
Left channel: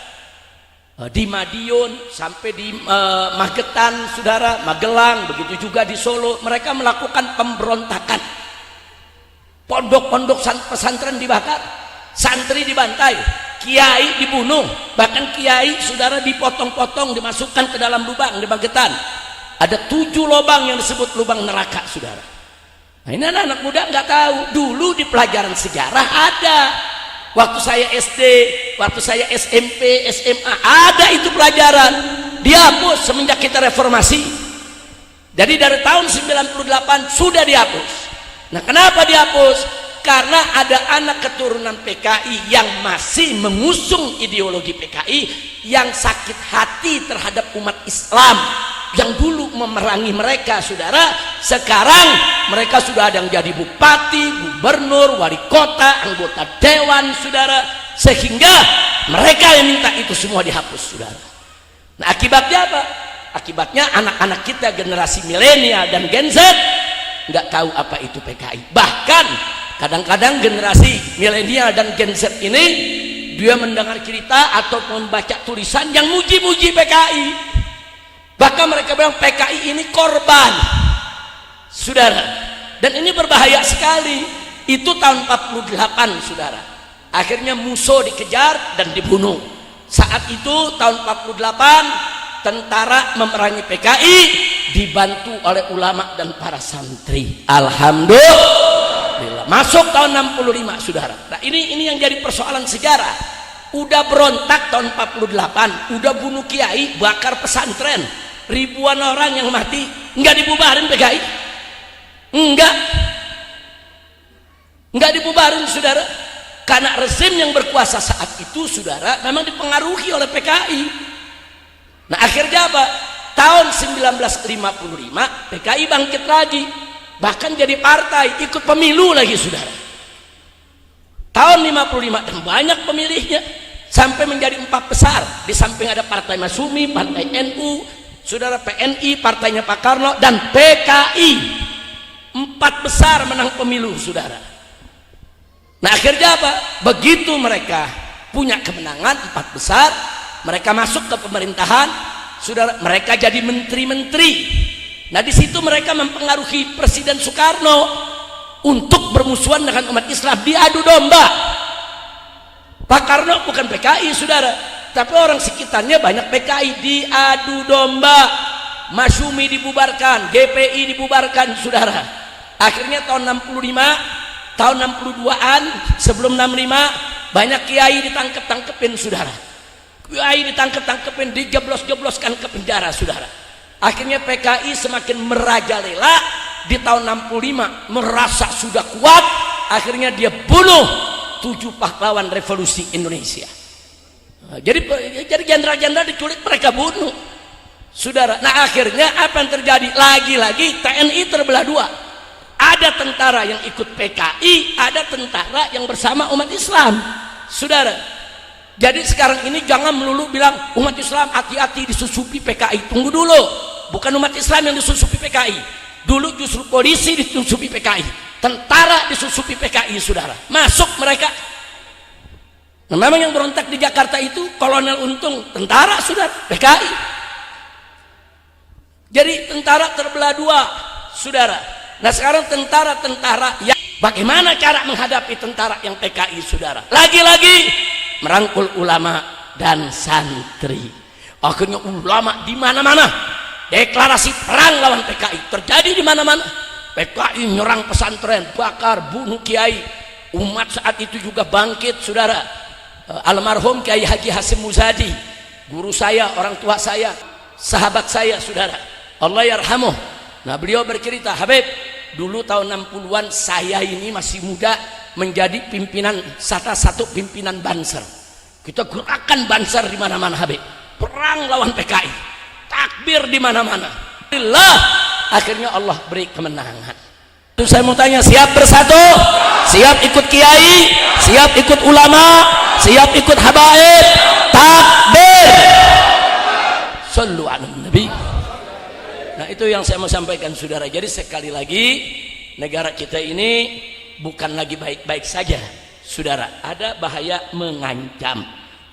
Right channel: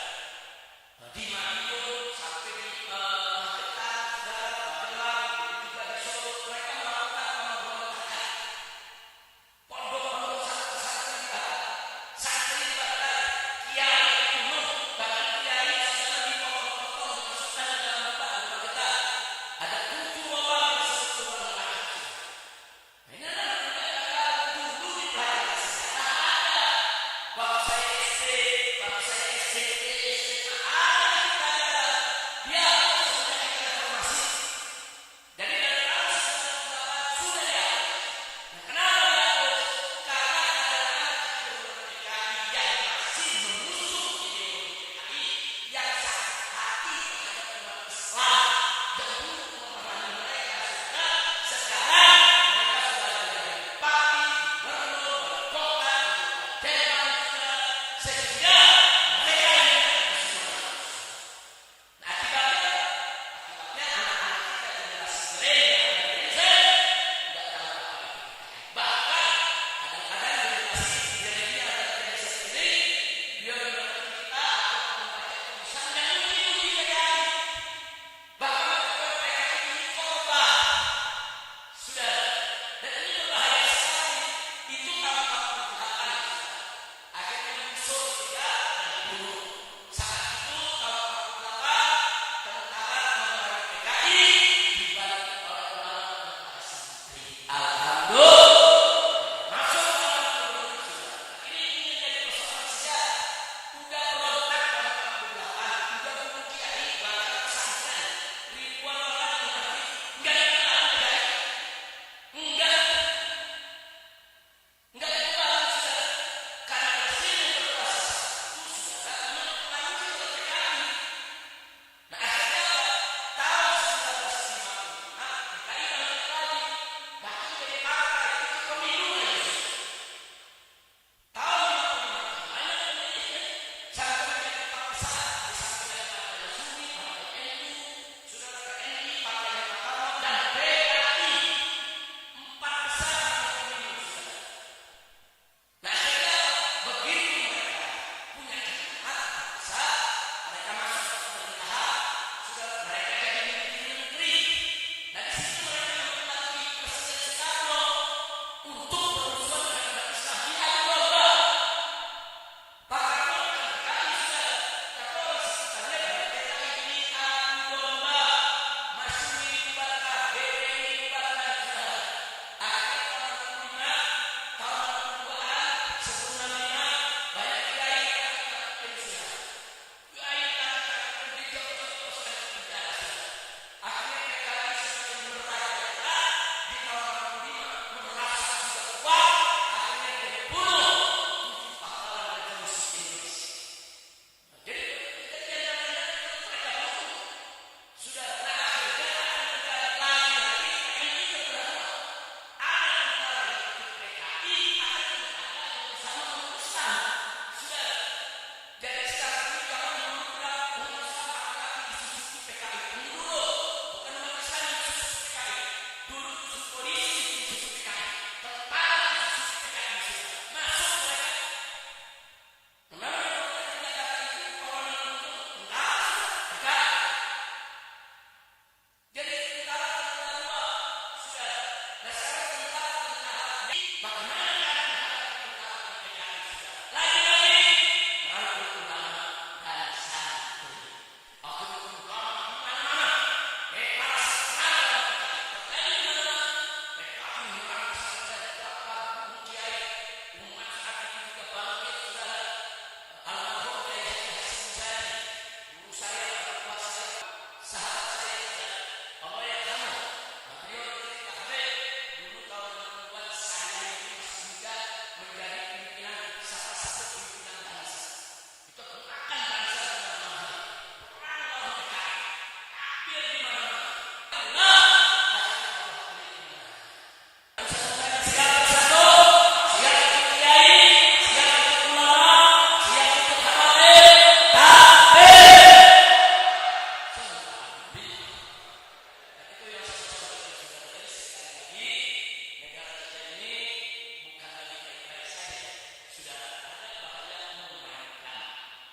di Madiun sampai di Magetan, saudara, Magelang, begitu juga di Solo, mereka melakukan pemberontakan. Pondok-pondok pesantren dibakar, santri dibantai, kiai dibunuh, bahkan kiai, saudara, dipotong-potong, dimasukkan ke dalam lubang di Magetan. Ada 7 lubang yang disebut lubang neraka, saudara. Nah, ini anak-anak muda nggak tahu. Dulu di pelajaran sejarah ada. Waktu saya SD, waktu saya SMP, SMA, ada itu pelajaran. Dihapus semenjak kita reformasi. Jadi dari tahun 98 sudah dihapus. Nah, kenapa dihapus? Karena ada anak keturunan PKI yang masih mengusung ideologi PKI, yang sakit hati terhadap umat Islam, yang dulu memerangi mereka, saudara. Sekarang mereka sudah ada yang jadi bupati, gubernur, wali kota, anggota dewan, saudara. Sehingga mereka yang minta itu semua dihapus, saudara. Nah, akibatnya apa? Akibatnya anak-anak kita generasi milenial dan Gen Z nggak tahu apa itu PKI. Bahkan kadang-kadang generasi milenial dan Gen Z ini dia mendengar cerita atau membaca tulisan yang muji-muji PKI. Bahkan mereka bilang PKI ini korban, saudara. Dan ini berbahaya sekali. Itu tahun 48, saudara. Akhirnya Musso dikejar dan dibunuh. Saat itu tahun 48 tentara memerangi PKI dibantu oleh ulama dan para santri. Alhamdulillah. Masuk tahun 65, saudara. Nah, ini yang jadi persoalan sejarah. Udah berontak tahun 48, udah bunuh kiai, bakar pesantren, ribuan orang yang mati, nggak dibubarin PKI, nggak dibubarin, saudara. Karena rezim yang berkuasa saat itu, saudara, memang dipengaruhi oleh PKI. Nah, akhirnya apa? Tahun 1955 PKI bangkit lagi, bahkan jadi partai, ikut pemilu lagi, saudara. Tahun 55 dan banyak pemilihnya. sampai menjadi 4 besar. Di samping ada Partai Masyumi, Partai NU, saudara, PNI, partainya Pak Karno, dan PKI. 4 besar menang pemilu, saudara. Nah akhirnya apa? Begitu mereka punya kemenangan 4 besar, mereka masuk ke pemerintahan, saudara, mereka jadi menteri-menteri. Nah di situ mereka mempengaruhi Presiden Soekarno untuk bermusuhan dengan umat Islam, diadu domba. Pak Karno bukan PKI, saudara, tapi orang sekitarnya banyak PKI, diadu domba. Masyumi dibubarkan, GPI dibubarkan, saudara. Akhirnya tahun 65, tahun 62-an, sebelum 65, banyak kiai ditangkep-tangkepin, saudara. Kiai ditangkep-tangkepin, dijeblos-jebloskan ke penjara, saudara. Akhirnya PKI semakin merajalela. Di tahun 65 merasa sudah kuat, akhirnya dia bunuh 7 pahlawan revolusi Indonesia. Nah, jadi jenderal-jenderal diculik, mereka bunuh, saudara. Nah akhirnya apa yang terjadi? Lagi-lagi TNI terbelah 2. Ada tentara yang ikut PKI, ada tentara yang bersama umat Islam, saudara. Jadi sekarang ini jangan melulu bilang umat Islam hati-hati disusupi PKI. Tunggu dulu, bukan umat Islam yang disusupi PKI. Dulu justru polisi disusupi PKI, tentara disusupi PKI, saudara. Masuk mereka. Nah, memang yang berontak di Jakarta itu Kolonel Untung, tentara, saudara, PKI. Jadi tentara terbelah 2, saudara. Nah sekarang tentara-tentara yang bagaimana cara menghadapi tentara yang PKI, saudara? Lagi-lagi merangkul ulama dan santri. Akhirnya ulama di mana-mana deklarasi perang lawan PKI terjadi di mana-mana. PKI nyerang pesantren, bakar, bunuh kiai. Umat saat itu juga bangkit, saudara. Almarhum Kiai Haji Hasim Muzadi, guru saya, orang tua saya, sahabat saya, saudara, Allah yarhamuh. Nah beliau bercerita, Habib, dulu tahun 60-an saya ini masih muda menjadi pimpinan, salah satu pimpinan Banser. Kita gerakan Banser di mana-mana, Habib. Perang lawan PKI, takbir di mana-mana. Alhamdulillah, akhirnya Allah beri kemenangan. Itu saya mau tanya, siap bersatu? Siap ikut kiai? Siap ikut ulama? Siap ikut habaib? Takbir! Sallu ala Nabi. Nah itu yang saya mau sampaikan, saudara. Jadi sekali lagi, negara kita ini bukan lagi baik-baik saja, saudara. Ada bahaya mengancam.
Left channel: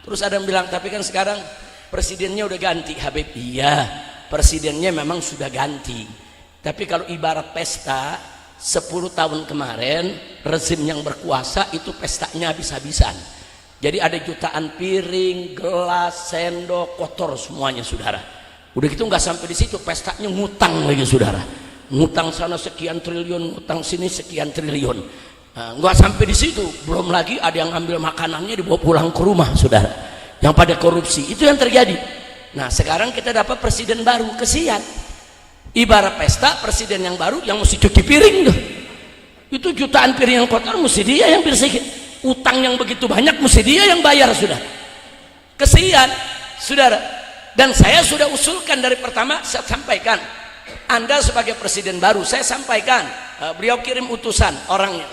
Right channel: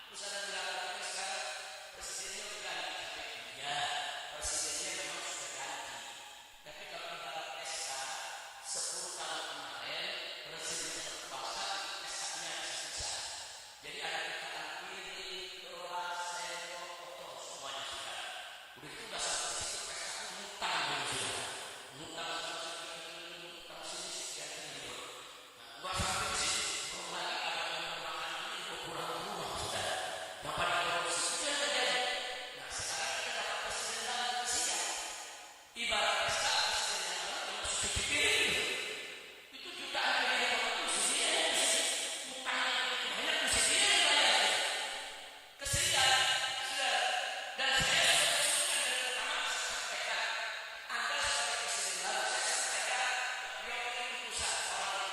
Terus ada yang bilang, tapi kan sekarang presidennya udah ganti, Habib. Iya, presidennya memang sudah ganti. Tapi kalau ibarat pesta, 10 tahun kemarin rezim yang berkuasa itu pestanya habis-habisan. Jadi ada jutaan piring, gelas, sendok, kotor semuanya, saudara. Udah gitu nggak sampai di situ, pestanya ngutang lagi, saudara. Ngutang sana sekian triliun, ngutang sini sekian triliun. Nah, nggak sampai di situ, belum lagi ada yang ambil makanannya dibawa pulang ke rumah, saudara. Yang pada korupsi, itu yang terjadi. Nah sekarang kita dapat presiden baru, kesian. Ibarat pesta, presiden yang baru yang mesti cuci piring tuh. Itu jutaan piring yang kotor mesti dia yang bersihin. Utang yang begitu banyak mesti dia yang bayar, sudah. Kesian, saudara. Dan saya sudah usulkan dari pertama, saya sampaikan. Anda sebagai presiden baru, saya sampaikan. Beliau kirim utusan orangnya,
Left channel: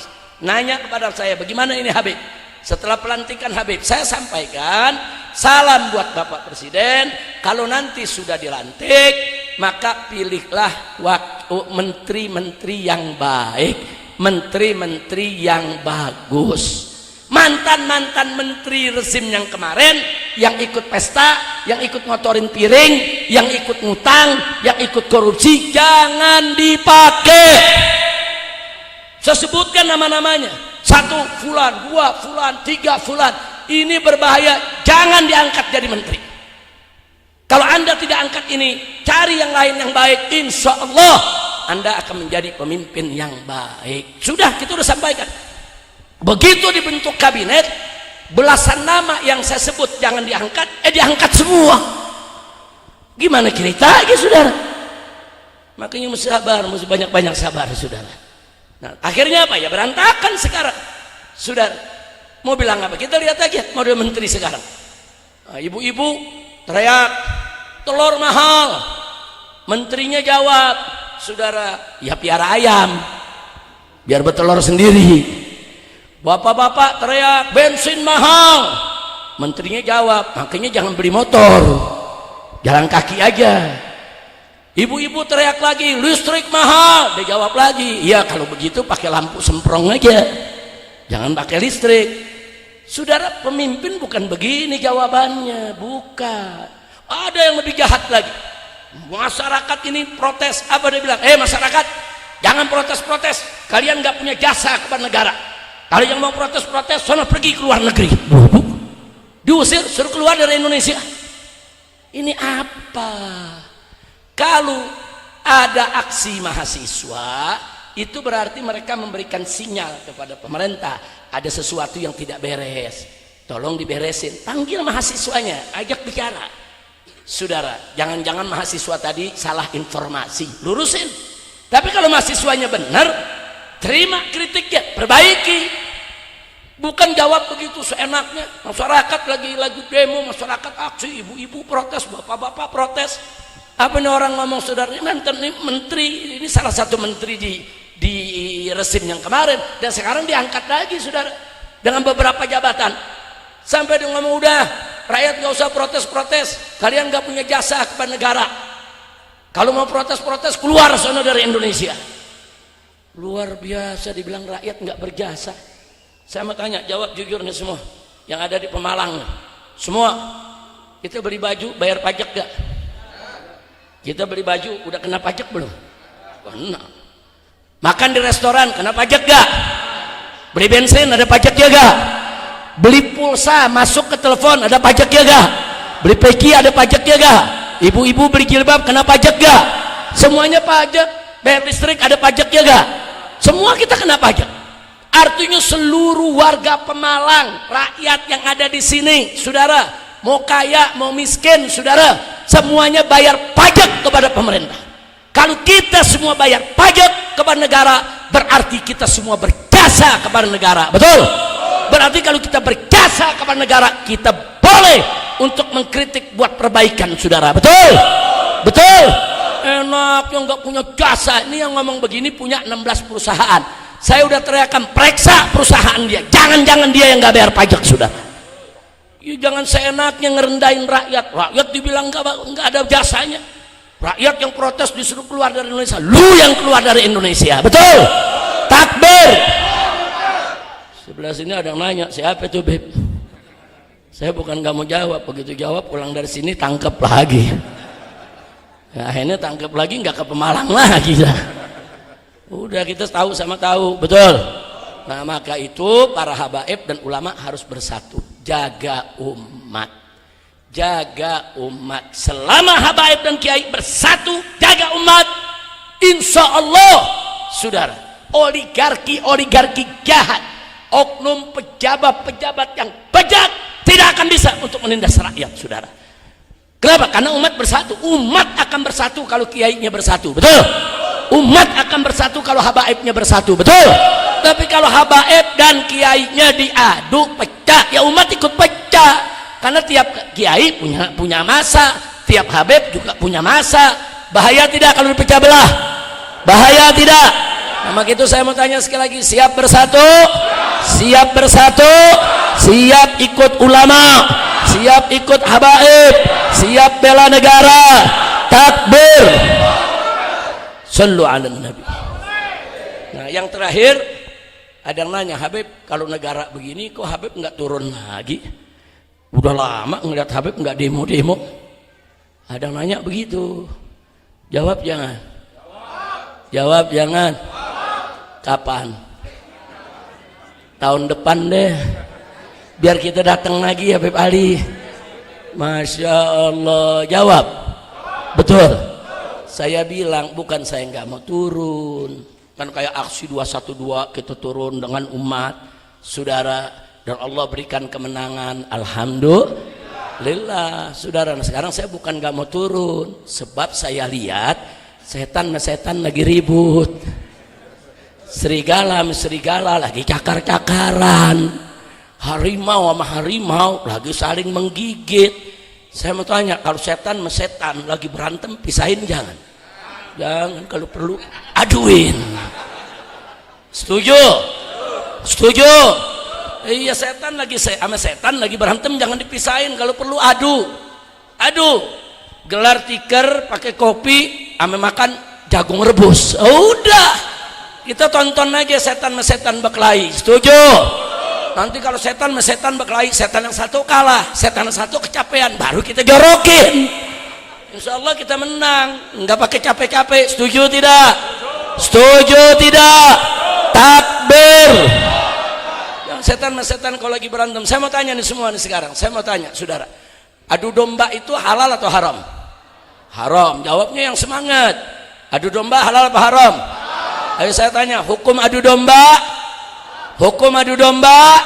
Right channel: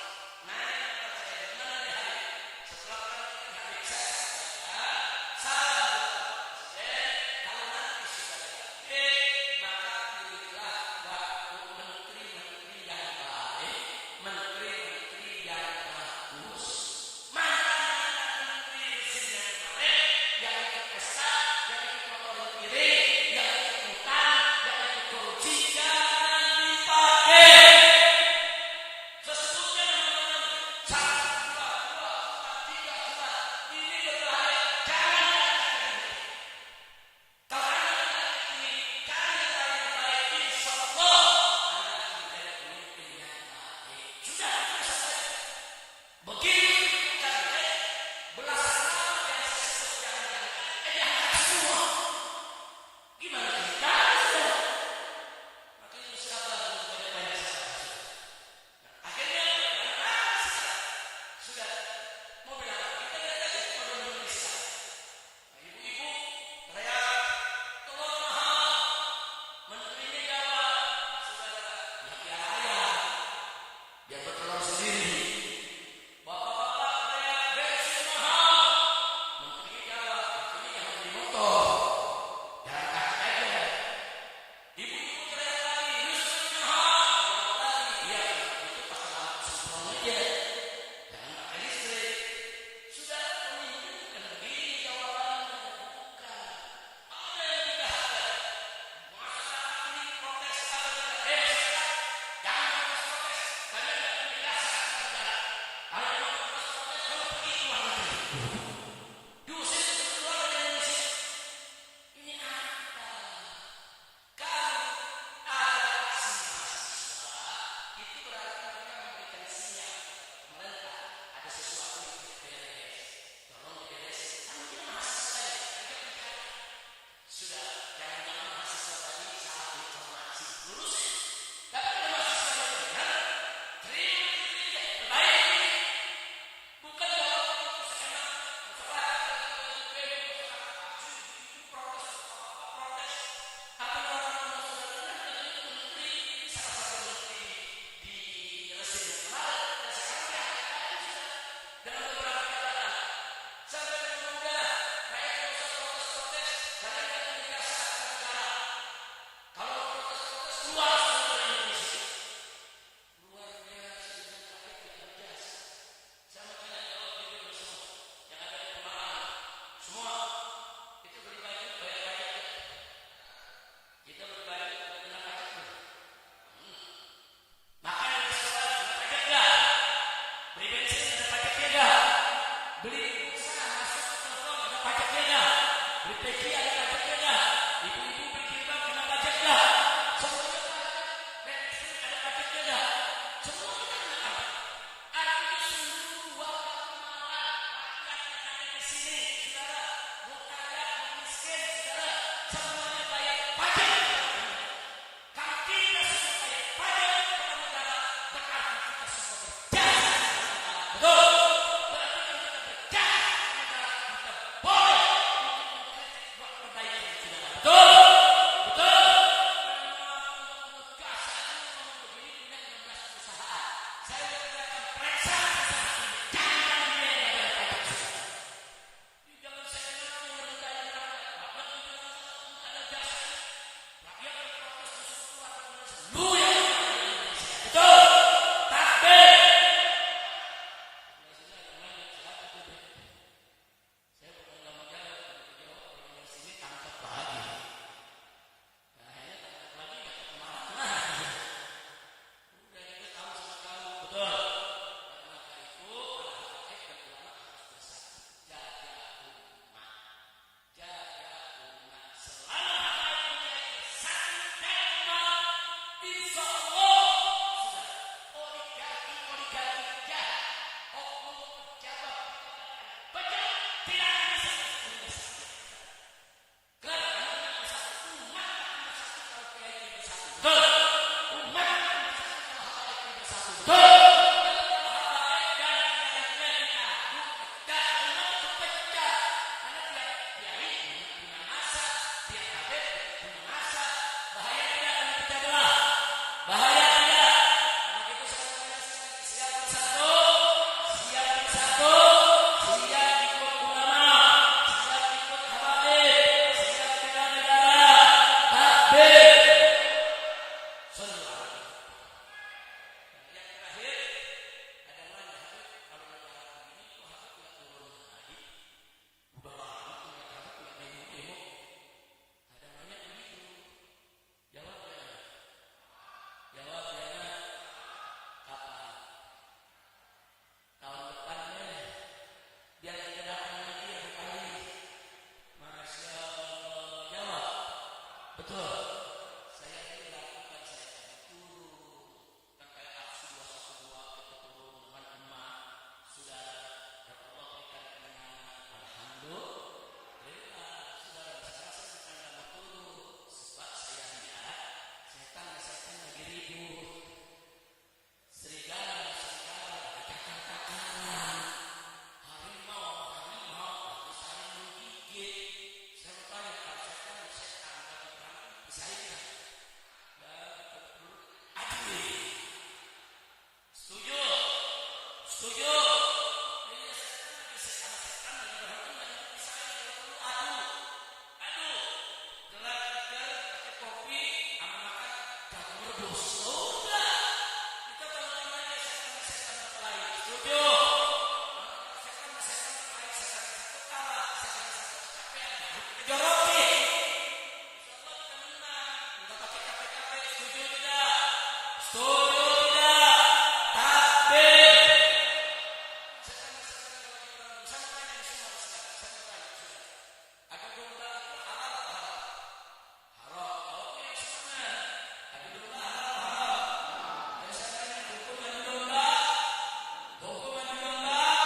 nanya kepada saya, bagaimana ini Habib? Setelah pelantikan Habib, saya sampaikan salam buat Bapak Presiden. Kalau nanti sudah dilantik, maka pilihlah menteri-menteri yang baik, menteri-menteri yang bagus. Mantan-mantan menteri rezim yang kemarin, yang ikut pesta, yang ikut ngotorin piring, yang ikut ngutang, yang ikut korupsi, jangan dipakai. Saya sebutkan nama-namanya, 1 fulan, 2 fulan, 3 fulan. Ini berbahaya, jangan diangkat jadi menteri. Kalau Anda tidak angkat ini, cari yang lain yang baik, insya Allah Anda akan menjadi pemimpin yang baik. Sudah, kita sudah sampaikan. Begitu dibentuk kabinet, belasan nama yang saya sebut jangan diangkat, diangkat semua. Gimana ceritanya, saudara? Makanya mesti sabar, mesti banyak-banyak sabar, saudara. Nah, akhirnya apa ya? Berantakan sekarang, saudara. Mau bilang apa? Kita lihat aja model menteri sekarang. Ibu-ibu teriak telur mahal, menterinya jawab, saudara, ya piara ayam biar bertelur sendiri. Bapak-bapak teriak bensin mahal, Menterinya jawab, makanya jangan beli motor, jalan kaki aja. Ibu-ibu teriak lagi, listrik mahal. Dia jawab lagi, iya kalau begitu pakai lampu semprong aja, jangan pakai listrik. Saudara, pemimpin bukan begini jawabannya, bukan. Ada yang lebih jahat lagi. Masyarakat ini protes, apa dia bilang? Masyarakat, jangan protes-protes, kalian nggak punya jasa kepada negara. Kalau yang mau protes-protes, sono pergi ke luar negeri. Diusir, suruh keluar dari Indonesia. Ini apa? Kalau ada aksi mahasiswa, itu berarti mereka memberikan sinyal kepada pemerintah ada sesuatu yang tidak beres. Tolong diberesin. Panggil mahasiswanya, ajak bicara. Saudara, jangan-jangan mahasiswa tadi salah informasi, lurusin. Tapi kalau mahasiswanya benar, terima kritiknya, perbaiki. Bukan jawab begitu seenaknya. Masyarakat lagi demo, masyarakat aksi, ibu-ibu protes, bapak-bapak protes. Apa nih orang ngomong, saudara? Ini menteri, ini salah satu menteri di resim yang kemarin, dan sekarang diangkat lagi, saudara, dengan beberapa jabatan. Sampai dia ngomong, udah, rakyat nggak usah protes-protes, kalian nggak punya jasa kepada negara. Kalau mau protes-protes, keluar sana dari Indonesia. Luar biasa, dibilang rakyat nggak berjasa. Saya mau tanya, jawab jujur nih semua yang ada di Pemalang, semua kita beli baju bayar pajak gak? Kita beli baju udah kena pajak belum? Kena. Makan di restoran kena pajak gak? Beli bensin ada pajak ya gak? Beli pulsa masuk ke telepon ada pajak ya gak? Beli peci ada pajak ya gak? Ibu-ibu beli jilbab kena pajak gak? Semuanya pajak. Bayar listrik ada pajak ya gak? Semua kita kena pajak. Artinya seluruh warga Pemalang, rakyat yang ada di sini, saudara, mau kaya mau miskin, saudara, semuanya bayar pajak kepada pemerintah. Kalau kita semua bayar pajak kepada negara, berarti kita semua berjasa kepada negara. Betul? Berarti kalau kita berjasa kepada negara, kita boleh untuk mengkritik buat perbaikan, saudara. Betul? Betul? Enak yang nggak punya jasa. Ini yang ngomong begini punya 16 perusahaan. Saya udah teriakan, periksa perusahaan dia. Jangan-jangan dia yang nggak bayar pajak, sudah. Ya, jangan seenaknya ngerendahin rakyat. Rakyat dibilang nggak ada jasanya. Rakyat yang protes disuruh keluar dari Indonesia. Lu yang keluar dari Indonesia. Betul? Takbir. Sebelah sini ada yang nanya, siapa itu, Beb? Saya bukan nggak mau jawab. Begitu jawab, pulang dari sini tangkep lagi. Ya, akhirnya tangkep lagi, nggak ke Pemalang lagi lah. Udah kita tahu sama tahu, betul. Nah, maka itu para habaib dan ulama harus bersatu, jaga umat. Jaga umat. Selama habaib dan kiai bersatu jaga umat, insya Allah, saudara, oligarki jahat, oknum pejabat yang bejat tidak akan bisa untuk menindas rakyat, saudara. Kenapa? Karena umat bersatu. Umat akan bersatu kalau kiainya bersatu, betul? Umat akan bersatu kalau habaibnya bersatu, betul? Tapi kalau habaib dan kiainya diadu pecah, ya umat ikut pecah. Karena tiap kiai punya masa, tiap habaib juga punya masa. Bahaya tidak kalau dipecah belah? Bahaya tidak? Nah, maka itu saya mau tanya sekali lagi, siap bersatu? Siap bersatu? Siap ikut ulama? Siap ikut habaib? Siap bela negara? Takbir! Sallu ala nabi. Nah, yang terakhir ada yang nanya, Habib, kalau negara begini kok Habib nggak turun lagi? Udah lama ngeliat Habib nggak demo-demo. Ada yang nanya begitu. Jawab jangan. Jawab jangan. Kapan? Tahun depan deh. Biar kita datang lagi, Habib Ali. Masya Allah. Jawab. Betul. Saya bilang bukan saya nggak mau turun, kan kayak aksi 212 kita turun dengan umat, saudara, dan Allah berikan kemenangan, alhamdulillah, saudara. Nah, sekarang saya bukan nggak mau turun, sebab saya lihat setan lagi ribut, serigala lagi cakar-cakaran, harimau sama harimau lagi saling menggigit. Saya mau tanya, kalau setan sama setan lagi berantem, pisahin jangan? Jangan, kalau perlu aduin. Setuju? Setuju? Iya, setan lagi sama setan lagi berantem jangan dipisahin, kalau perlu adu. Gelar tikar pakai kopi ame makan jagung rebus. Udah. Kita tonton aja setan sama setan berkelahi. Setuju? Nanti kalau setan sama setan berkelahi, setan yang satu kalah, setan yang satu kecapean, baru kita jorokin. Insya Allah kita menang, nggak pakai capek-capek. Setuju tidak? Setuju tidak? Takbir. Setan sama setan kalau lagi berantem. Saya mau tanya nih semua nih sekarang. Saya mau tanya, saudara. Adu domba itu halal atau haram? Haram. Jawabnya yang semangat. Adu domba halal apa haram? Ayo saya tanya, hukum adu domba? Hukum adu domba?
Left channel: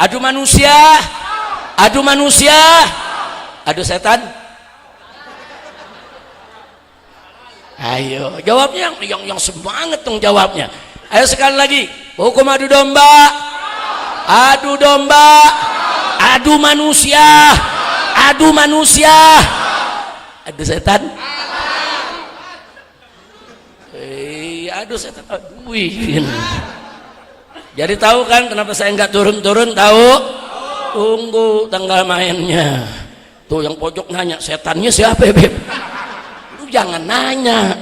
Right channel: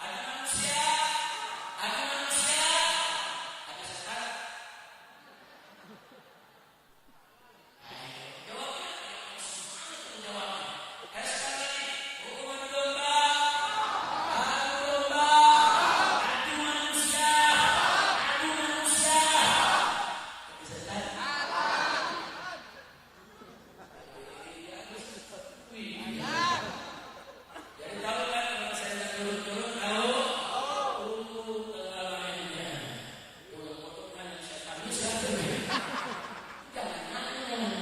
Adu manusia? Adu manusia? Adu setan? Ayo, jawabnya yang semangat dong jawabnya. Ayo sekali lagi, hukum adu domba? Adu domba? Adu manusia? Adu manusia? Adu setan? Aduh setan. Wih. Jadi tahu kan kenapa saya nggak turun-turun? Tahu? Tunggu tanggal mainnya. Tuh yang pojok nanya, setannya siapa, Beb? Lu jangan nanya.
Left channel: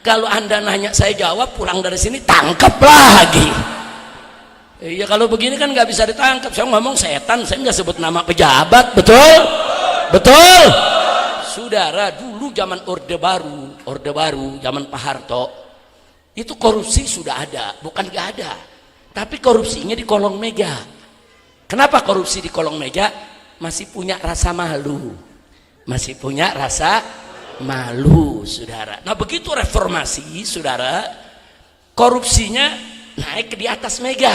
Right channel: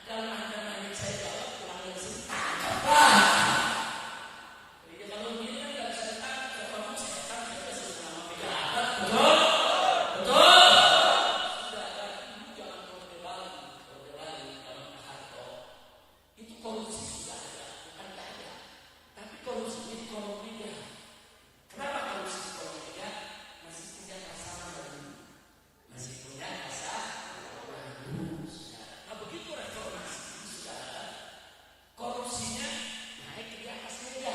Kalau Anda nanya saya jawab, pulang dari sini tangkap lagi. Iya, kalau begini kan nggak bisa ditangkap. Saya ngomong setan, saya nggak sebut nama pejabat, betul? Betul? Saudara, dulu zaman Orde Baru, zaman Pak Harto, itu korupsi sudah ada, bukan nggak ada. Tapi korupsinya di kolong meja. Kenapa korupsi di kolong meja? Masih punya rasa malu. Masih punya rasa malu, saudara. Nah begitu reformasi, saudara, korupsinya naik ke di atas meja.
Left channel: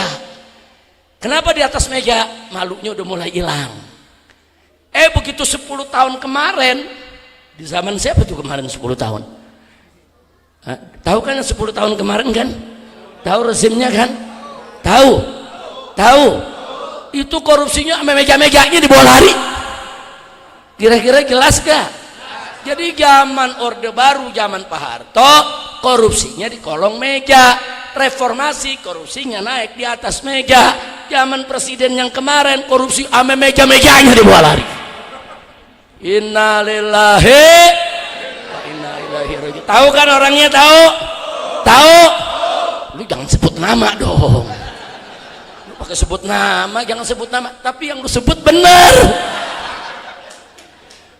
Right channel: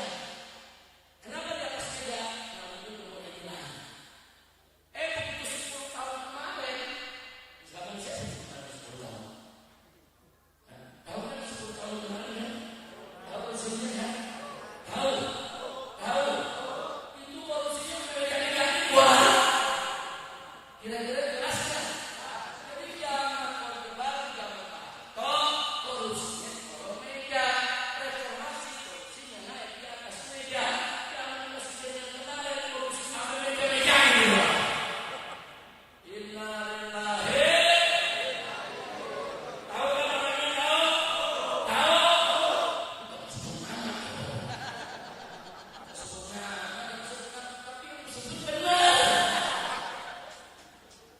Kenapa di atas meja? Malunya udah mulai hilang. Begitu 10 tahun kemarin, di zaman siapa tuh kemarin 10 tahun? Tahu kan 10 tahun kemarin kan? Tahu rezimnya kan? Tahu. Itu korupsinya sama meja-mejanya dibawa lari. Kira-kira jelas gak? Jadi zaman Orde Baru, zaman Pak Harto, korupsinya di kolong meja. Reformasi, korupsinya naik di atas meja. Zaman presiden yang kemarin, korupsi sama meja-mejanya dibawa lari. Innalillahi. Tahu kan orangnya? Tahu? Lu jangan sebut nama dong. Lu pakai sebut nama, jangan sebut nama. Tapi yang lu sebut benar.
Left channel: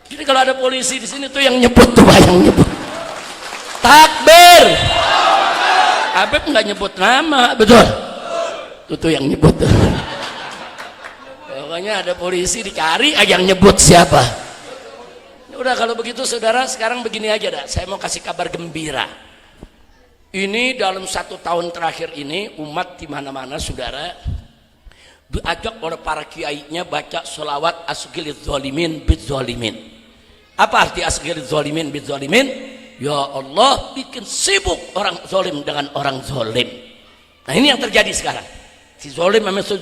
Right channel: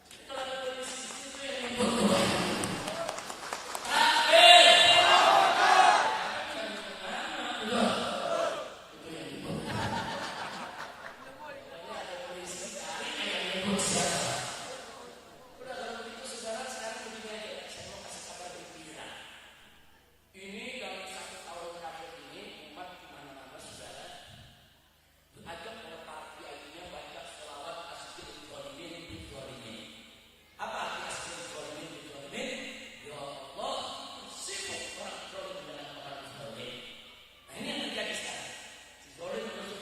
Jadi kalau ada polisi di sini tuh yang nyebut tuh, yang nyebut. Takbir. Habib nggak nyebut nama, betul? Tuh yang nyebut tuh. Pokoknya ada polisi dicari, yang nyebut siapa? Udah kalau begitu saudara, sekarang begini aja dah. Saya mau kasih kabar gembira. Ini dalam 1 tahun terakhir ini umat di mana-mana saudara diajak oleh para kiainya baca sholawat asghilidz zalimin bidz zalimin. Apa arti asghilidz zalimin bidz zalimin? Ya Allah, bikin sibuk orang zalim dengan orang zalim. Nah ini yang terjadi sekarang. Si zalim sama si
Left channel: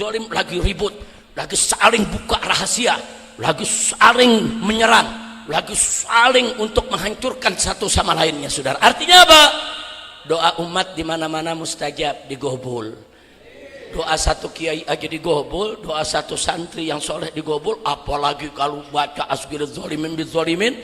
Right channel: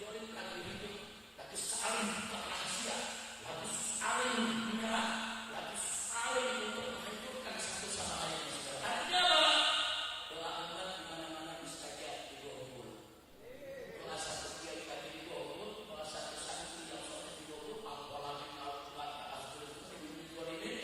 zalim lagi ribut, lagi saling buka rahasia, lagi saling menyerang, lagi saling untuk menghancurkan satu sama lainnya, saudara. Artinya apa? Doa umat di mana-mana mustajab, digobul. Doa satu kiai aja digobul, doa satu santri yang soleh digobul, apalagi kalau baca asghilidz zalimin bidz zalimin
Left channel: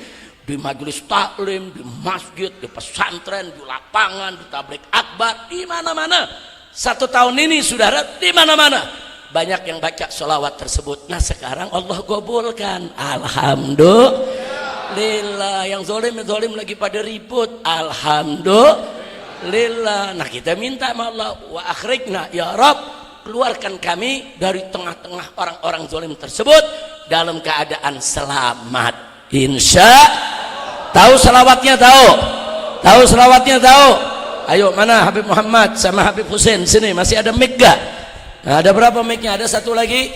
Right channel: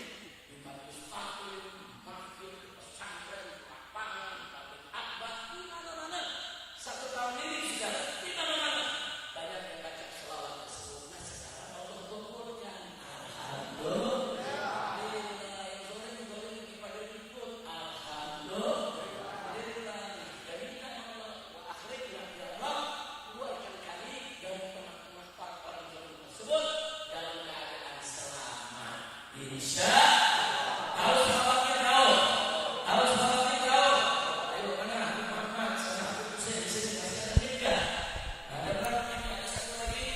di majelis taklim, di masjid, di pesantren, di lapangan, di tabligh akbar, di mana-mana. 1 tahun ini, saudara, di mana-mana banyak yang baca sholawat tersebut. Nah sekarang Allah gobulkan, alhamdulillah. Yang zalim lagi pada ribut, alhamdulillah. Nah kita minta sama Allah, wa akhrijna ya Rabb, keluarkan kami dari tengah-tengah orang-orang zalim tersebut dalam keadaan selamat. Insya. Tahu selawatnya? Tahu selawatnya? Ayo, mana Habib Muhammad sama Habib Hussein sini, masih ada mic gak? Nah, ada berapa mic-nya? Ada satu lagi,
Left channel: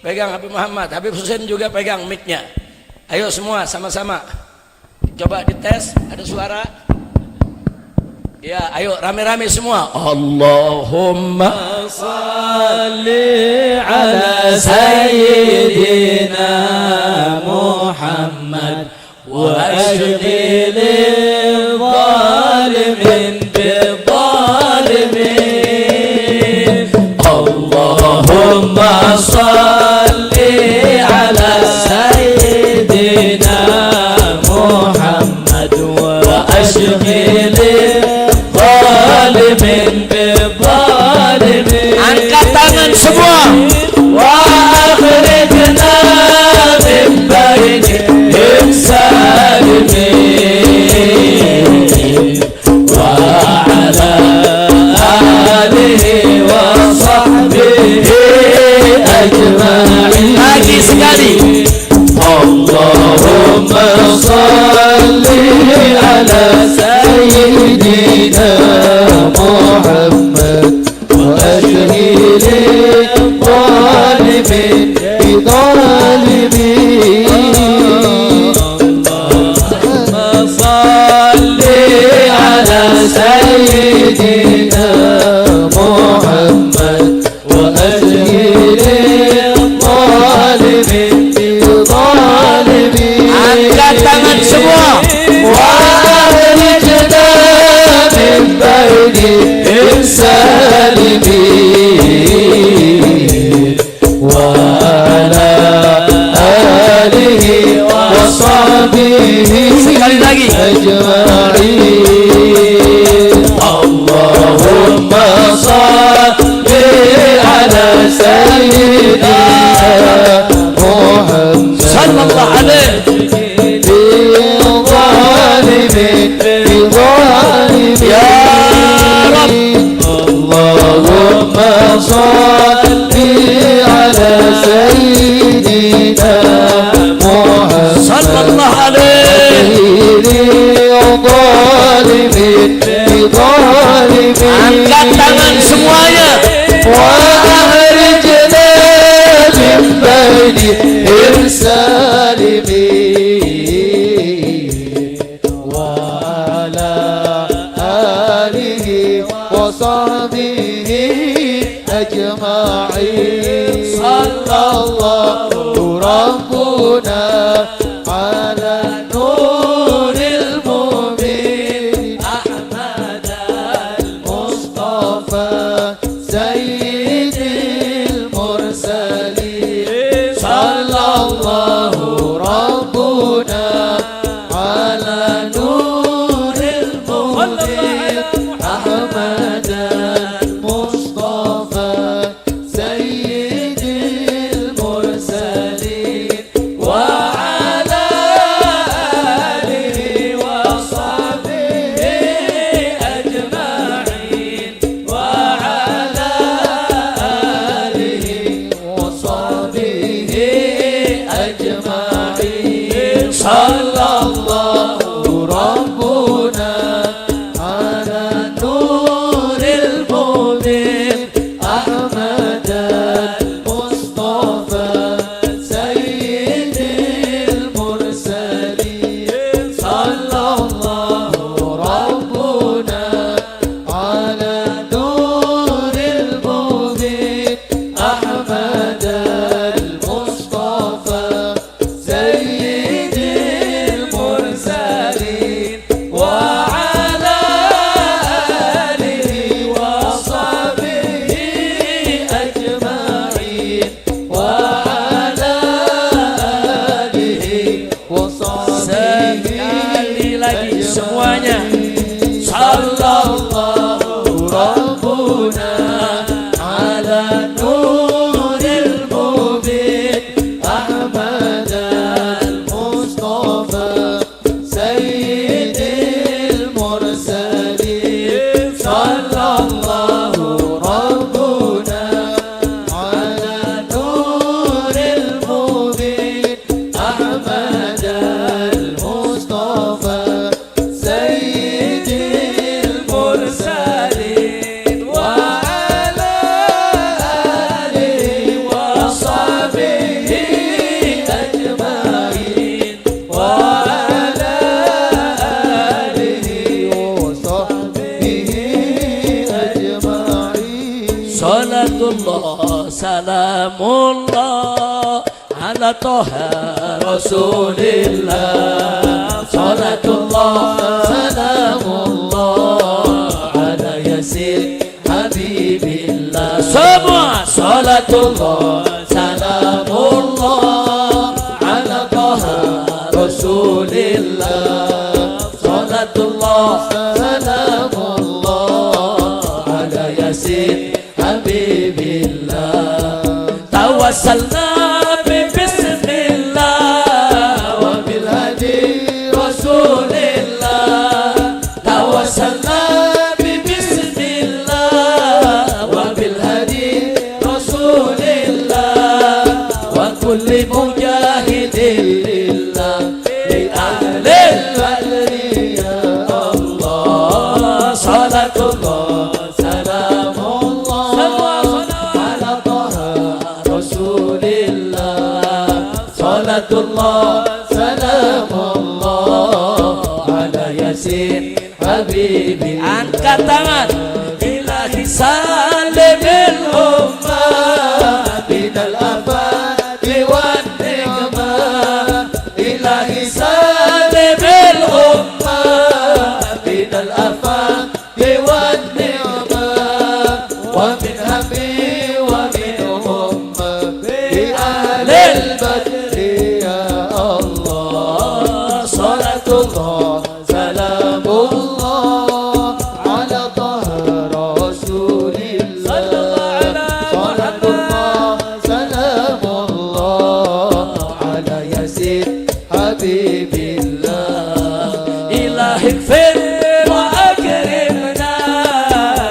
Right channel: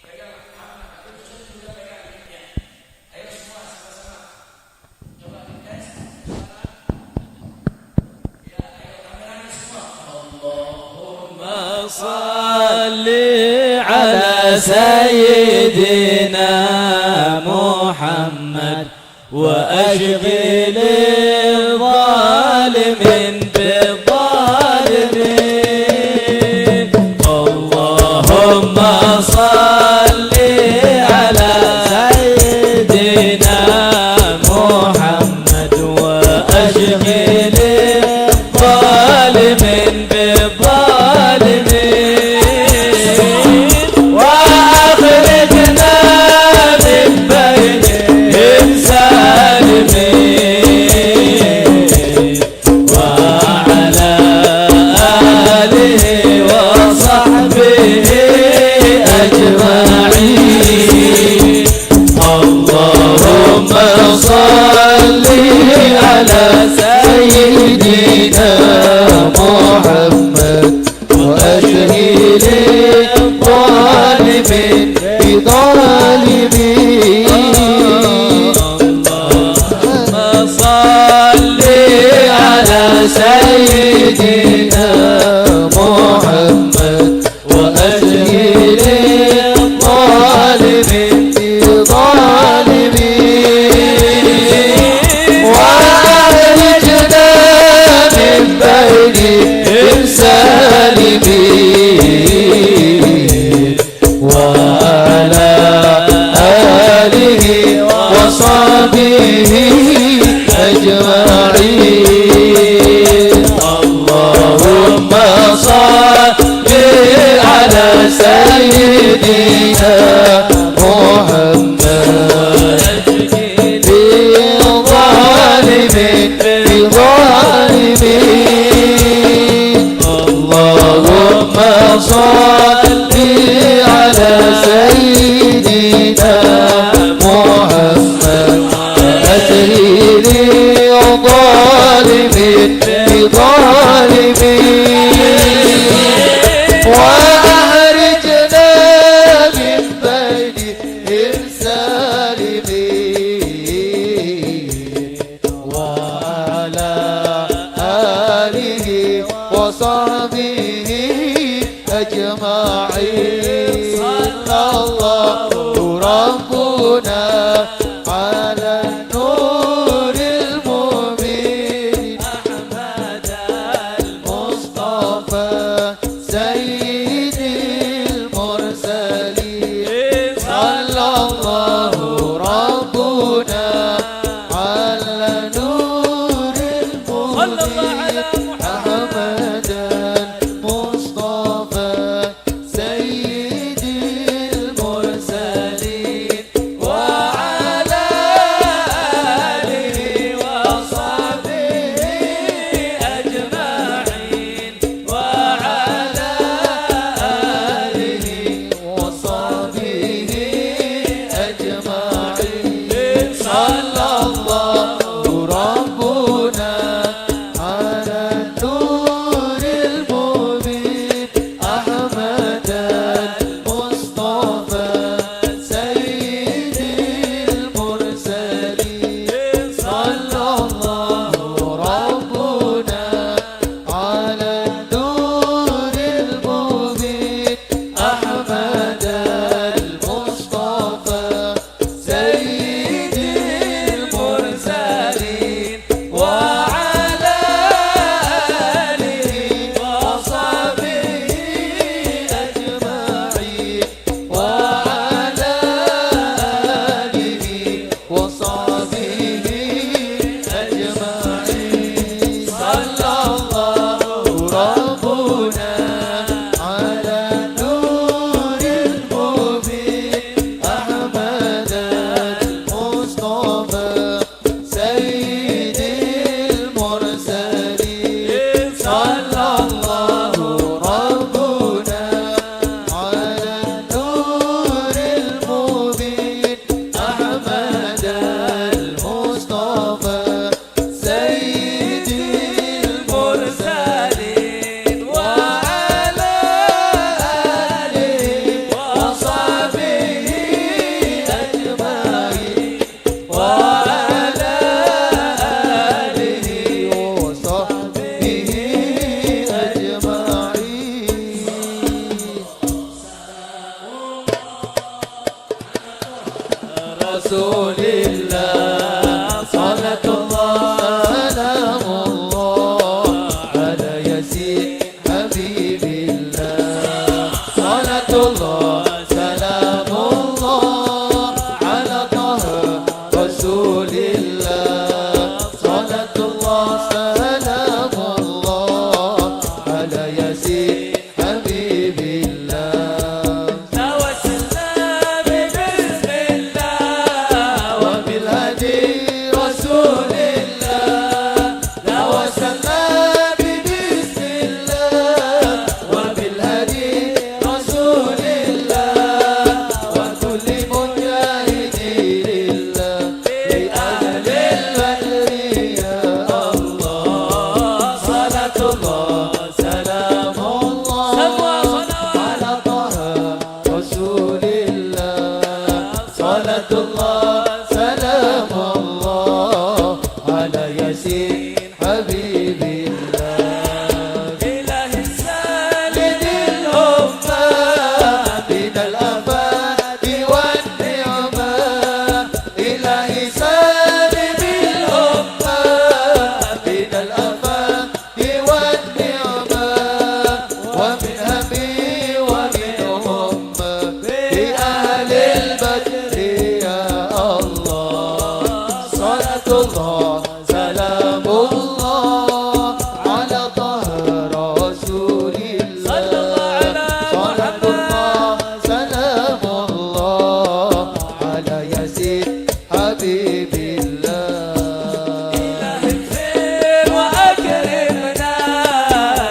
pegang Habib Muhammad. Habib Hussein juga pegang mic-nya. Ayo semua sama-sama coba dites, ada suara ya. Ayo rame-rame semua. Allahumma salli ala sayyidina Muhammad wa ashghilil zalimin bizzalimin. Allahumma أجمعين اللهم صل على سيدنا محمد صلى الله عليه اللهم صل على سيدنا محمد أدري ظالمين بظالمين وأخرجنا من بينهم سالمين وعلى آله وصحبه أجمعين صلى الله ربنا على نور المبين أحمد المصطفى سيد المرسلين صلى الله ربنا على نور المبين أحمد المصطفى سيد المرسلين وعلى آله وصحبه أجمعين وعلى آله وصحبه أجمعين صلى الله ربنا على نور المبين أحمد المصطفى سيد المرسلين صلى الله ربنا على نور المبين أحمد المصطفى سيد المرسلين وعلى آله وصحبه أجمعين وعلى آله وصحبه أجمعين صلى الله ربنا على نور المبين أحمد المصطفى سيد المرسلين صلى الله ربنا على نور المبين أحمد المصطفى سيد المرسلين وعلى آله وصحبه أجمعين وعلى آله وصحبه أجمعين صلاة الله سلام الله على طه رسول الله صلاة الله سلام الله على ياسين حبيب الله semua صلاة الله سلام الله على طه رسول الله صلاة الله سلام الله على ياسين حبيب الله توسلنا ببسم الله وبالهدي رسول الله توسلنا ببسم الله وبالهدي رسول الله وكل مجاهد لله لأهل البدر يا الله صلاة الله سلام الله على طه رسول الله صلاة الله سلام الله على ياسين حبيبي angkat tangan ilahi salim الأمة من الآفات والنعمة إلهي سالم الأمة من الآفات والنعمة ومن همي ومن همة بأهل البدر يا الله يزيد حبيب الله إلهي اغفر وأكرمنا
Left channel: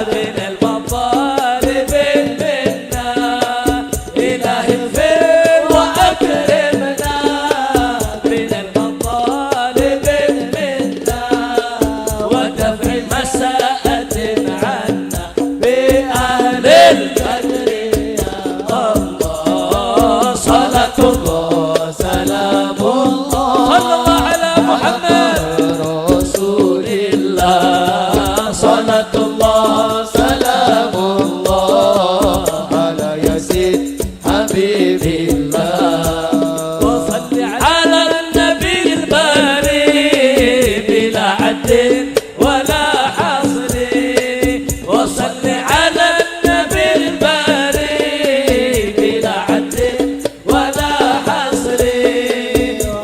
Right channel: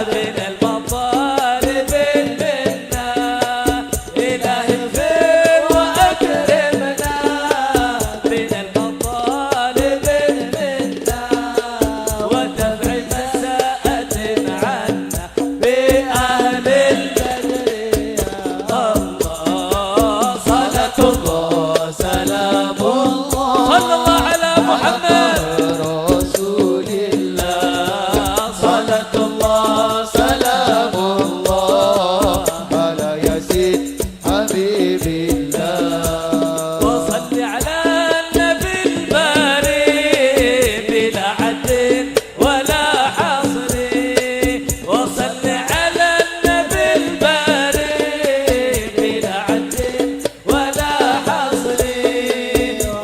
من المطالب منا إلهي اغفر وأكرمنا من المطالب منا ودفع مساءة عنا بأهل البدر يا الله صلاة الله سلام الله صلى الله على محمد رسول الله صلاة الله سلام الله على يزيد حبيب الله وصل على النبي الباري بلا عد ولا حصر وصل على النبي الباري بلا عد ولا حصر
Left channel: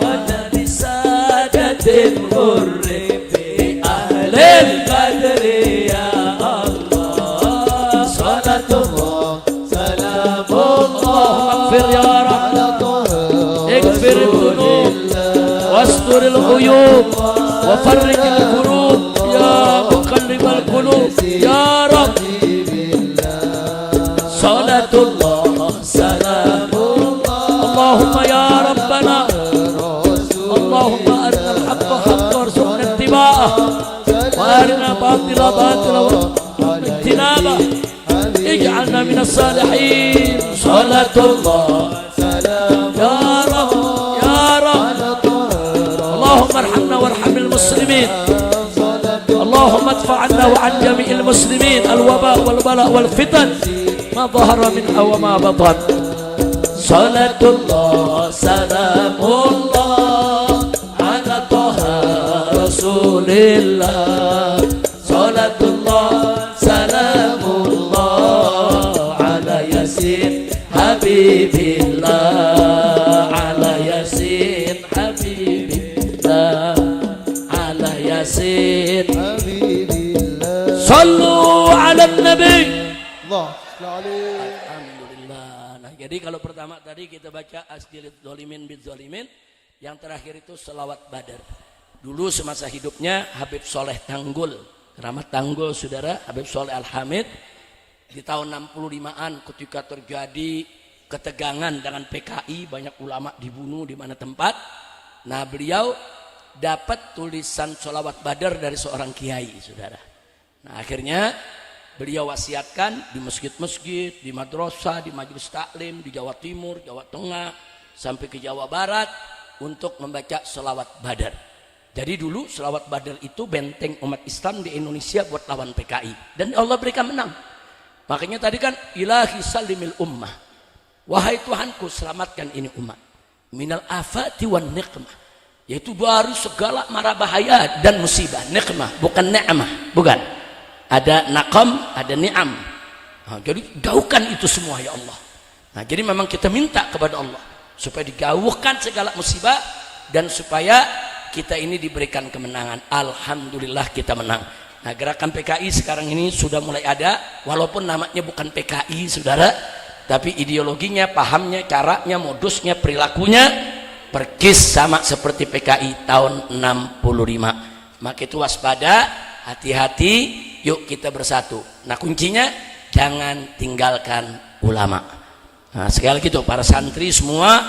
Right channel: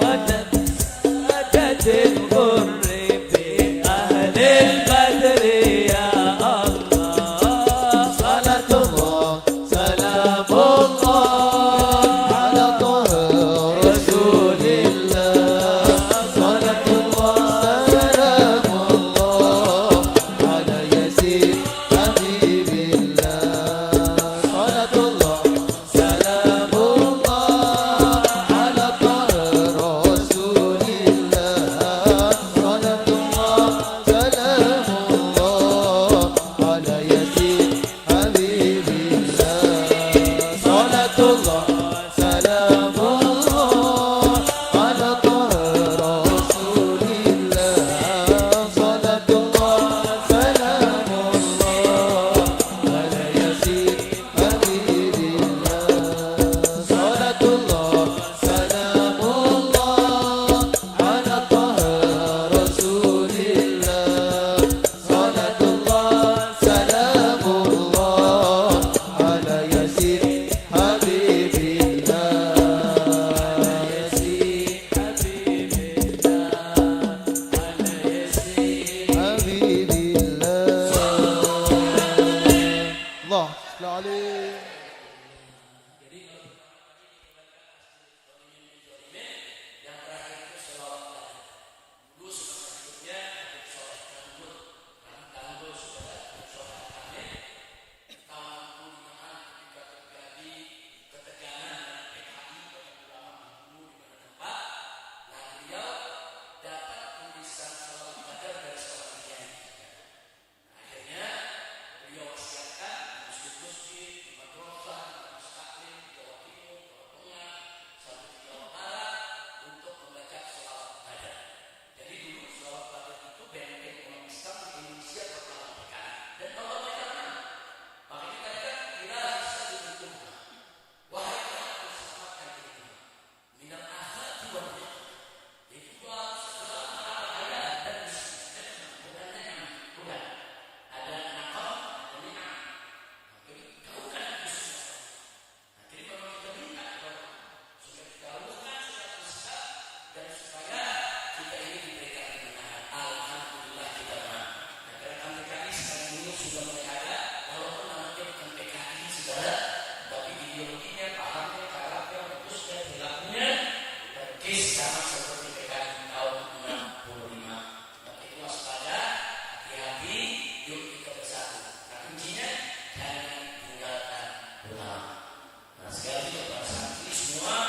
والنبي سادة الغر في أهل البدر يا الله صلاة الله سلام الله على طه رسول الله واستر الغيوب وفرج الكروب يا مقلب القلوب يا رب حبيب الله صلاة الله سلام الله اللهم يا ربنا رسول اللهم أرنا الحق حقا وارزقنا اتباعه وأرنا باطل باطلا على اجتنابه حبيب اجعلنا من الصالحين صلاة الله سلام يا رب على طه اللهم ارحمنا وارحم المسلمين صلاة اللهم ادفع عنا وعن جميع المسلمين الوباء والبلاء والفتن ما ظهر منها وما بطن صلاة الله سلام الله على طه رسول الله صلاة الله سلام الله على ياسين حبيب الله على ياسين حبيب الله على ياسين حبيب الله صلوا على النبي الله صل عليه Alhamdulillah. Nah, jadi kalau pertama tadi kita baca asdirid dolimin bid zolimin, yang terakhir itu selawat badar. Dulu semasa hidupnya Habib Soleh Tanggul, Keramat Tanggul saudara, Habib Soleh Al-Hamid, di tahun 65-an ketika terjadi ketegangan dengan PKI, banyak ulama dibunuh di mana tempat. Nah, beliau dapat tulisan selawat badar dari seorang kiai saudara. Nah, akhirnya beliau wasiatkan di masjid-masjid, di madrasah, di majelis taklim, di Jawa Timur, Jawa Tengah, sampai ke Jawa Barat untuk membaca selawat badar. Jadi dulu selawat badar itu benteng umat Islam di Indonesia buat lawan PKI. Dan Allah berikan menang. Makanya tadi kan ilahi salimil ummah. Wahai Tuhanku selamatkan ini umat. Minal afati wan niqmah. Yaitu dari segala mara bahaya dan musibah. Niqmah, bukan ni'mah, bukan. Ada naqam, ada ni'am. Nah, jadi jauhkan itu semua ya Allah. Nah, jadi memang kita minta kepada Allah supaya dijauhkan segala musibah dan supaya kita ini diberikan kemenangan. Alhamdulillah kita menang. Nah, gerakan PKI sekarang ini sudah mulai ada, walaupun namanya bukan PKI saudara, tapi ideologinya, pahamnya, caranya, modusnya, perilakunya persis sama seperti PKI tahun 65. Maka itu waspada, hati-hati, yuk kita bersatu. Nah, kuncinya jangan tinggalkan ulama. Nah, sekali lagi tuh para santri semua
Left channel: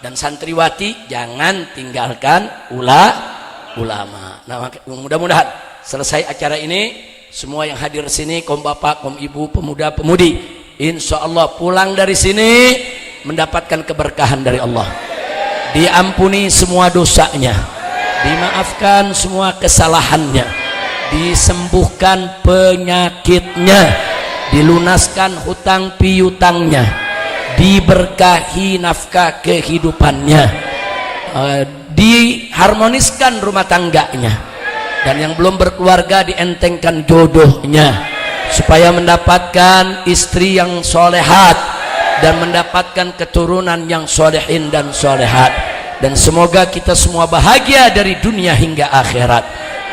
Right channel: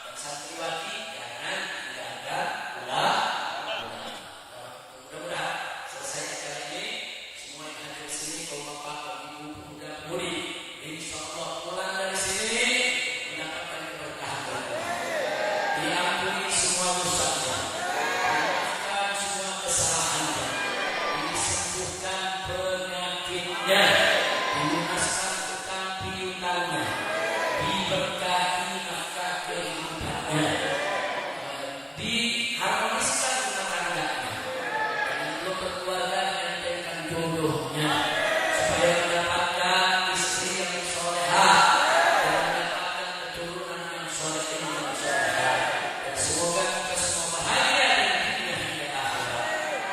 dan santriwati, jangan tinggalkan ulama. Nah, mudah-mudahan selesai acara ini, semua yang hadir sini, kaum bapak, kaum ibu, pemuda, pemudi, insya Allah pulang dari sini mendapatkan keberkahan dari Allah. Diampuni semua dosanya, dimaafkan semua kesalahannya, disembuhkan penyakitnya, dilunaskan hutang piutangnya, diberkahi nafkah kehidupannya, diharmoniskan rumah tangganya, dan yang belum berkeluarga dientengkan jodohnya supaya mendapatkan istri yang solehat dan mendapatkan keturunan yang solehin dan solehat. Dan semoga kita semua bahagia dari dunia hingga akhirat.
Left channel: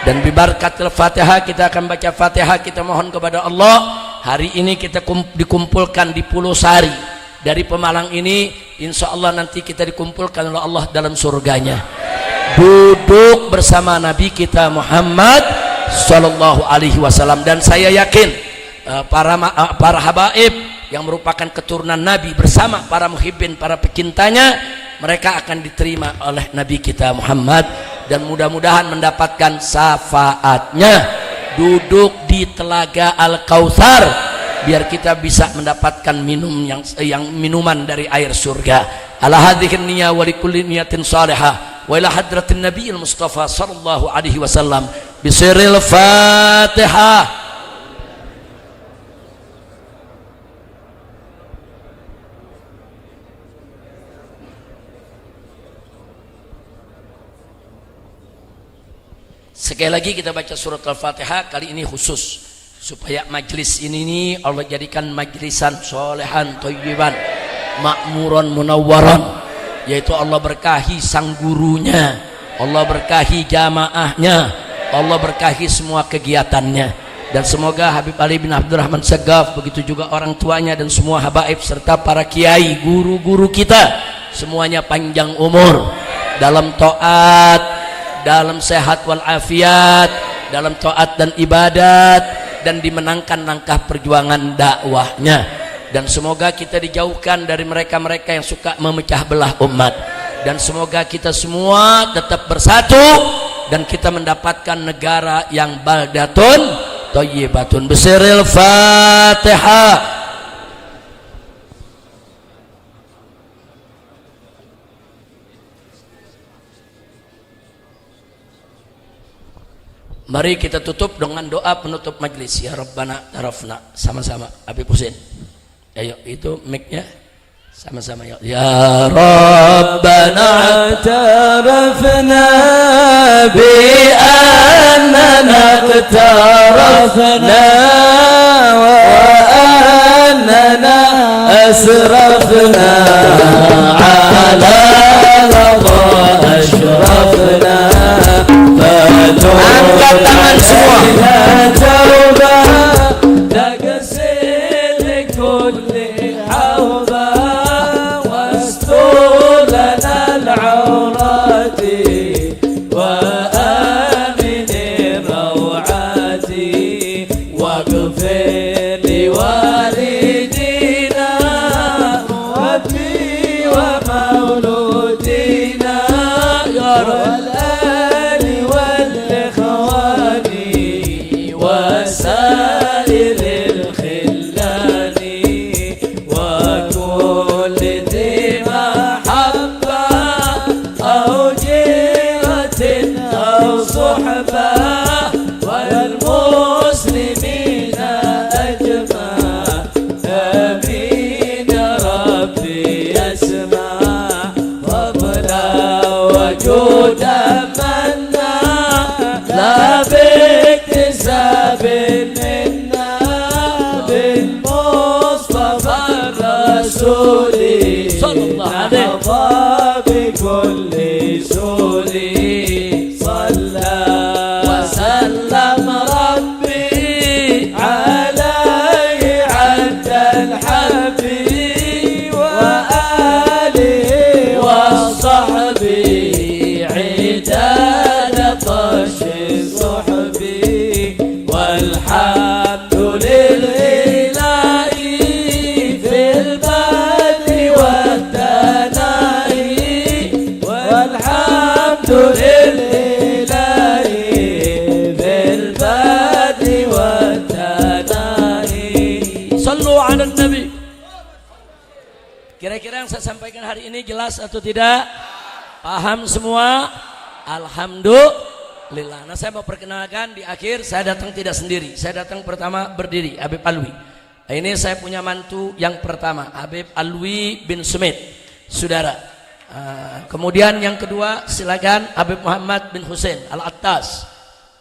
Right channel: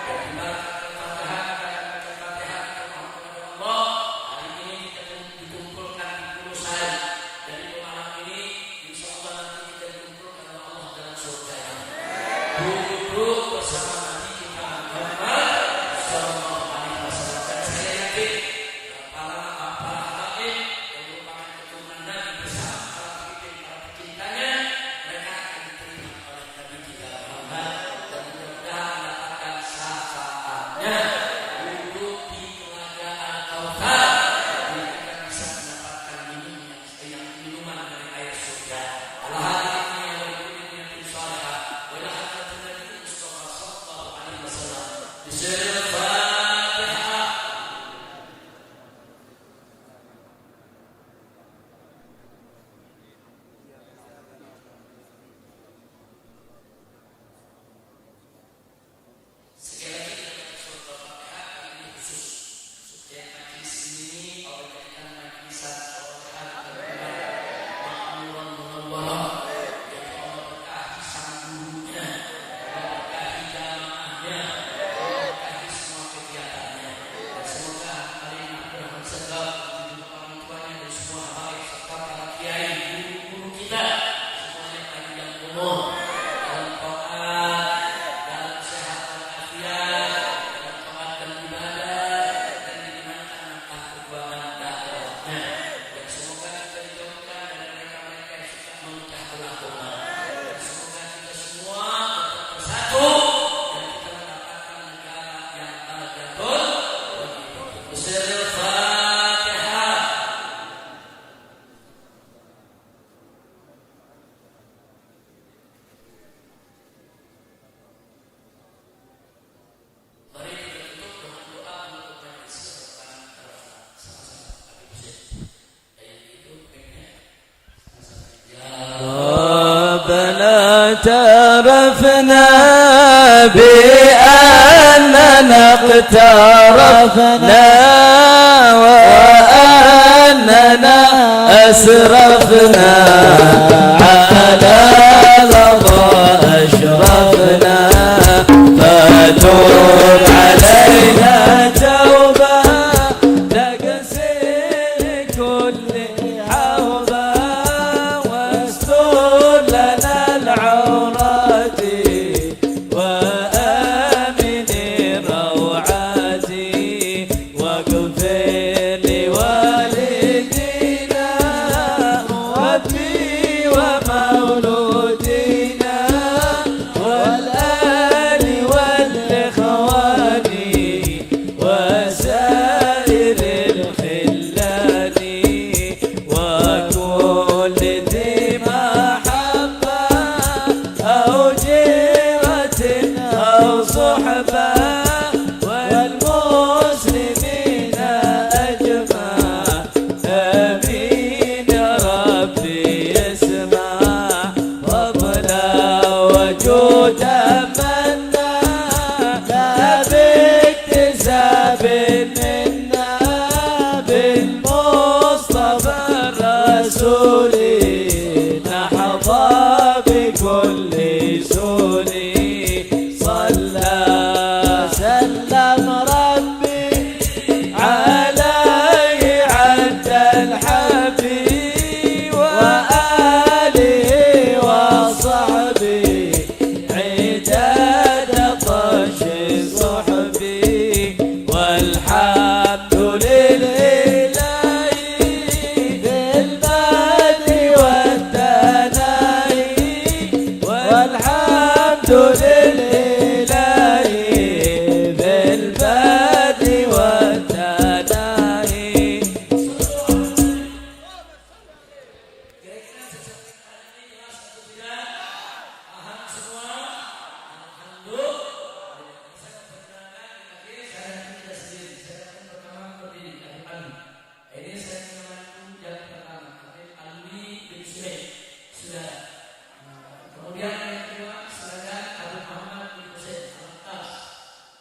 Dan bibarakatil Fatihah, kita akan baca Fatihah, kita mohon kepada Allah hari ini kita dikumpulkan di Pulau Sari dari Pemalang ini, insya Allah nanti kita dikumpulkan oleh Allah dalam surganya, duduk bersama Nabi kita Muhammad Sallallahu Alaihi Wasallam. Dan saya yakin para habaib yang merupakan keturunan Nabi bersama para muhibbin, para pecintanya, mereka akan diterima oleh Nabi kita Muhammad dan mudah-mudahan mendapatkan syafaatnya, duduk di telaga Al-Kautsar, biar kita bisa mendapatkan yang minuman dari air surga. Ala hadhihi niyya wa likulli niyatin salihah wa ila hadratin nabiyil mustafa sallallahu alaihi wasallam bisirril Fatihah. Sekali lagi kita baca surat Al-Fatihah, kali ini khusus supaya majlis ini nih Allah jadikan majlisan solehan thayyiban makmuran munawwaran, yaitu Allah berkahi sang gurunya, Allah berkahi jamaahnya, Allah berkahi semua kegiatannya. Dan semoga Habib Ali bin Abdurrahman Sagaf, begitu juga orang tuanya dan semua habaib serta para kiai, guru-guru kita semuanya panjang umur dalam taat, dalam sehat wal afiat, dalam taat dan ibadat, dan dimenangkan langkah perjuangan dakwahnya. Dan semoga kita dijauhkan dari mereka-mereka yang suka memecah belah umat, dan semoga kita semua tetap bersatu dan kita mendapatkan negara yang baldatun thayyibatun. Bisiril Fatihah. Mari kita tutup dengan doa penutup majlis. Ya Rabbana tarafna, sama-sama Habib Husin. Ayo, itu mic-nya sama-sama ya. Ya Rabbana tarafna bi annana iqtarafna wa annana asrafna ala lama ashrafna fatub علينا توبة تغسل كل حوبة واستر لنا العورات وآمن الروعات واغفر لوالدينا ربي ومولودينا والآل والإخوان وسائر الخلان وكل ذي محبة أو جيرة أو صحبة والمسلمين أجمع آمين يا ربي يسمع فضلا وجودا منا لا باكتساب منا بالمصطفى الرسول نحظى بكل سور صلى وسلم ربي عليه عد الحبيب وآله وصحبه عداد طش صحبي والحمد لله في البدء والثناء والحمد لله في البدء والثناء. صلوا على النبي. Kira-kira yang saya sampaikan hari ini jelas atau tidak? Paham semua? Alhamdulillah. Nah, saya mau perkenalkan di akhir, saya datang tidak sendiri. Saya datang pertama berdiri, Habib Alwi. Nah, ini saya punya mantu yang pertama, Habib Alwi bin Sumit, saudara. Kemudian yang kedua, silakan Habib Muhammad bin Husin Al-Attas.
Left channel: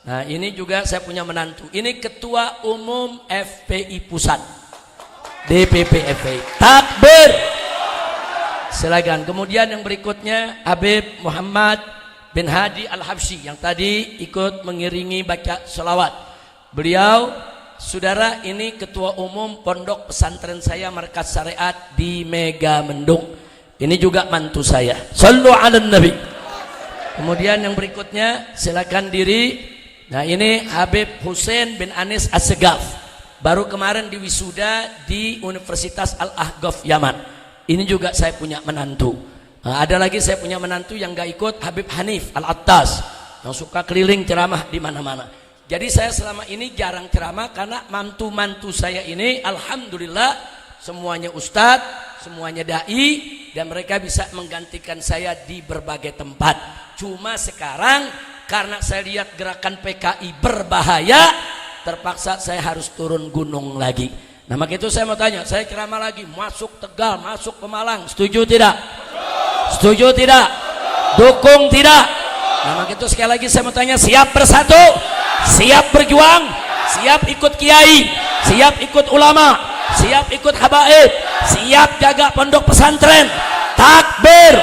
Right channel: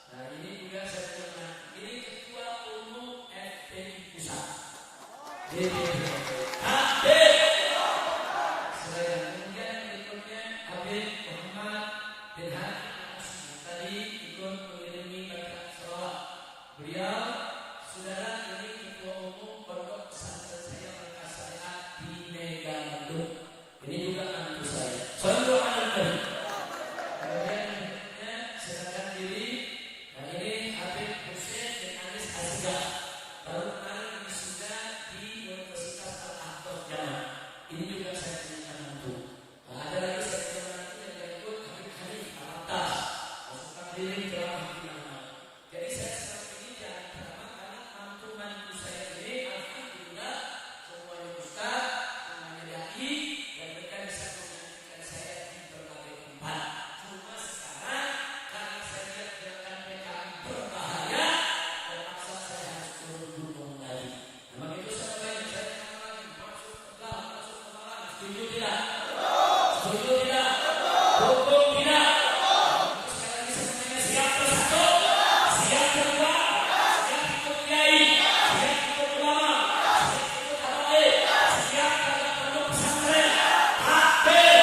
Nah, ini juga saya punya menantu. Ini Ketua Umum FPI Pusat, DPP FPI. Takbir. Silakan. Kemudian yang berikutnya Habib Muhammad bin Hadi Al-Habsyi yang tadi ikut mengiringi baca selawat. Beliau saudara, ini ketua umum pondok pesantren saya Markas Syariat di Mega Mendung. Ini juga mantu saya. Shallu ala nabi. Kemudian yang berikutnya silakan diri. Nah, ini Habib Hussein bin Anis Assegaf. Baru kemarin diwisuda di Universitas Al-Ahqaf Yaman. Ini juga saya punya menantu. Nah, ada lagi saya punya menantu yang gak ikut, Habib Hanif Al-Attas, yang suka keliling ceramah di mana-mana. Jadi saya selama ini jarang ceramah karena mantu-mantu saya ini alhamdulillah semuanya ustadz, semuanya dai, dan mereka bisa menggantikan saya di berbagai tempat. Cuma sekarang karena saya lihat gerakan PKI berbahaya, terpaksa saya harus turun gunung lagi. Nah, maka itu saya mau tanya, saya ceramah lagi, masuk Tegal, masuk ke Malang, setuju tidak? Setuju tidak? Dukung tidak? Nah, maka itu sekali lagi saya mau tanya, siap bersatu? Siap berjuang? Siap ikut kiai? Siap ikut ulama? Siap ikut habaib? Siap jaga pondok pesantren? Takbir!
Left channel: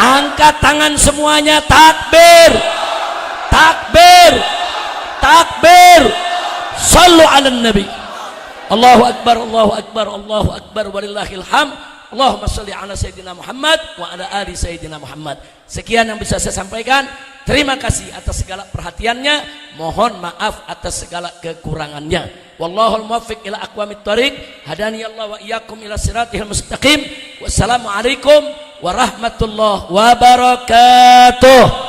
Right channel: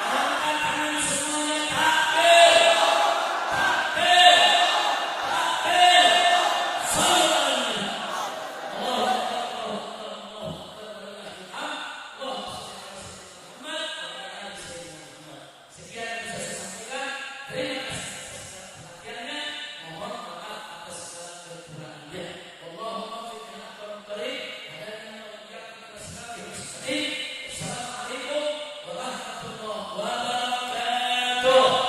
Angkat tangan semuanya, takbir! Takbir! Takbir! Sallu ala nabi. Allahu akbar, Allahu akbar, Allahu akbar, walillahil hamd. Allahumma shalli ala sayyidina Muhammad wa ala ali sayyidina Muhammad. Sekian yang bisa saya sampaikan. Terima kasih atas segala perhatiannya. Mohon maaf atas segala kekurangannya. Wallahul muwaffiq ila aqwamit thoriq. Hadani Allah wa iyyakum ila siratil mustaqim. Wassalamualaikum warahmatullahi wabarakatuh.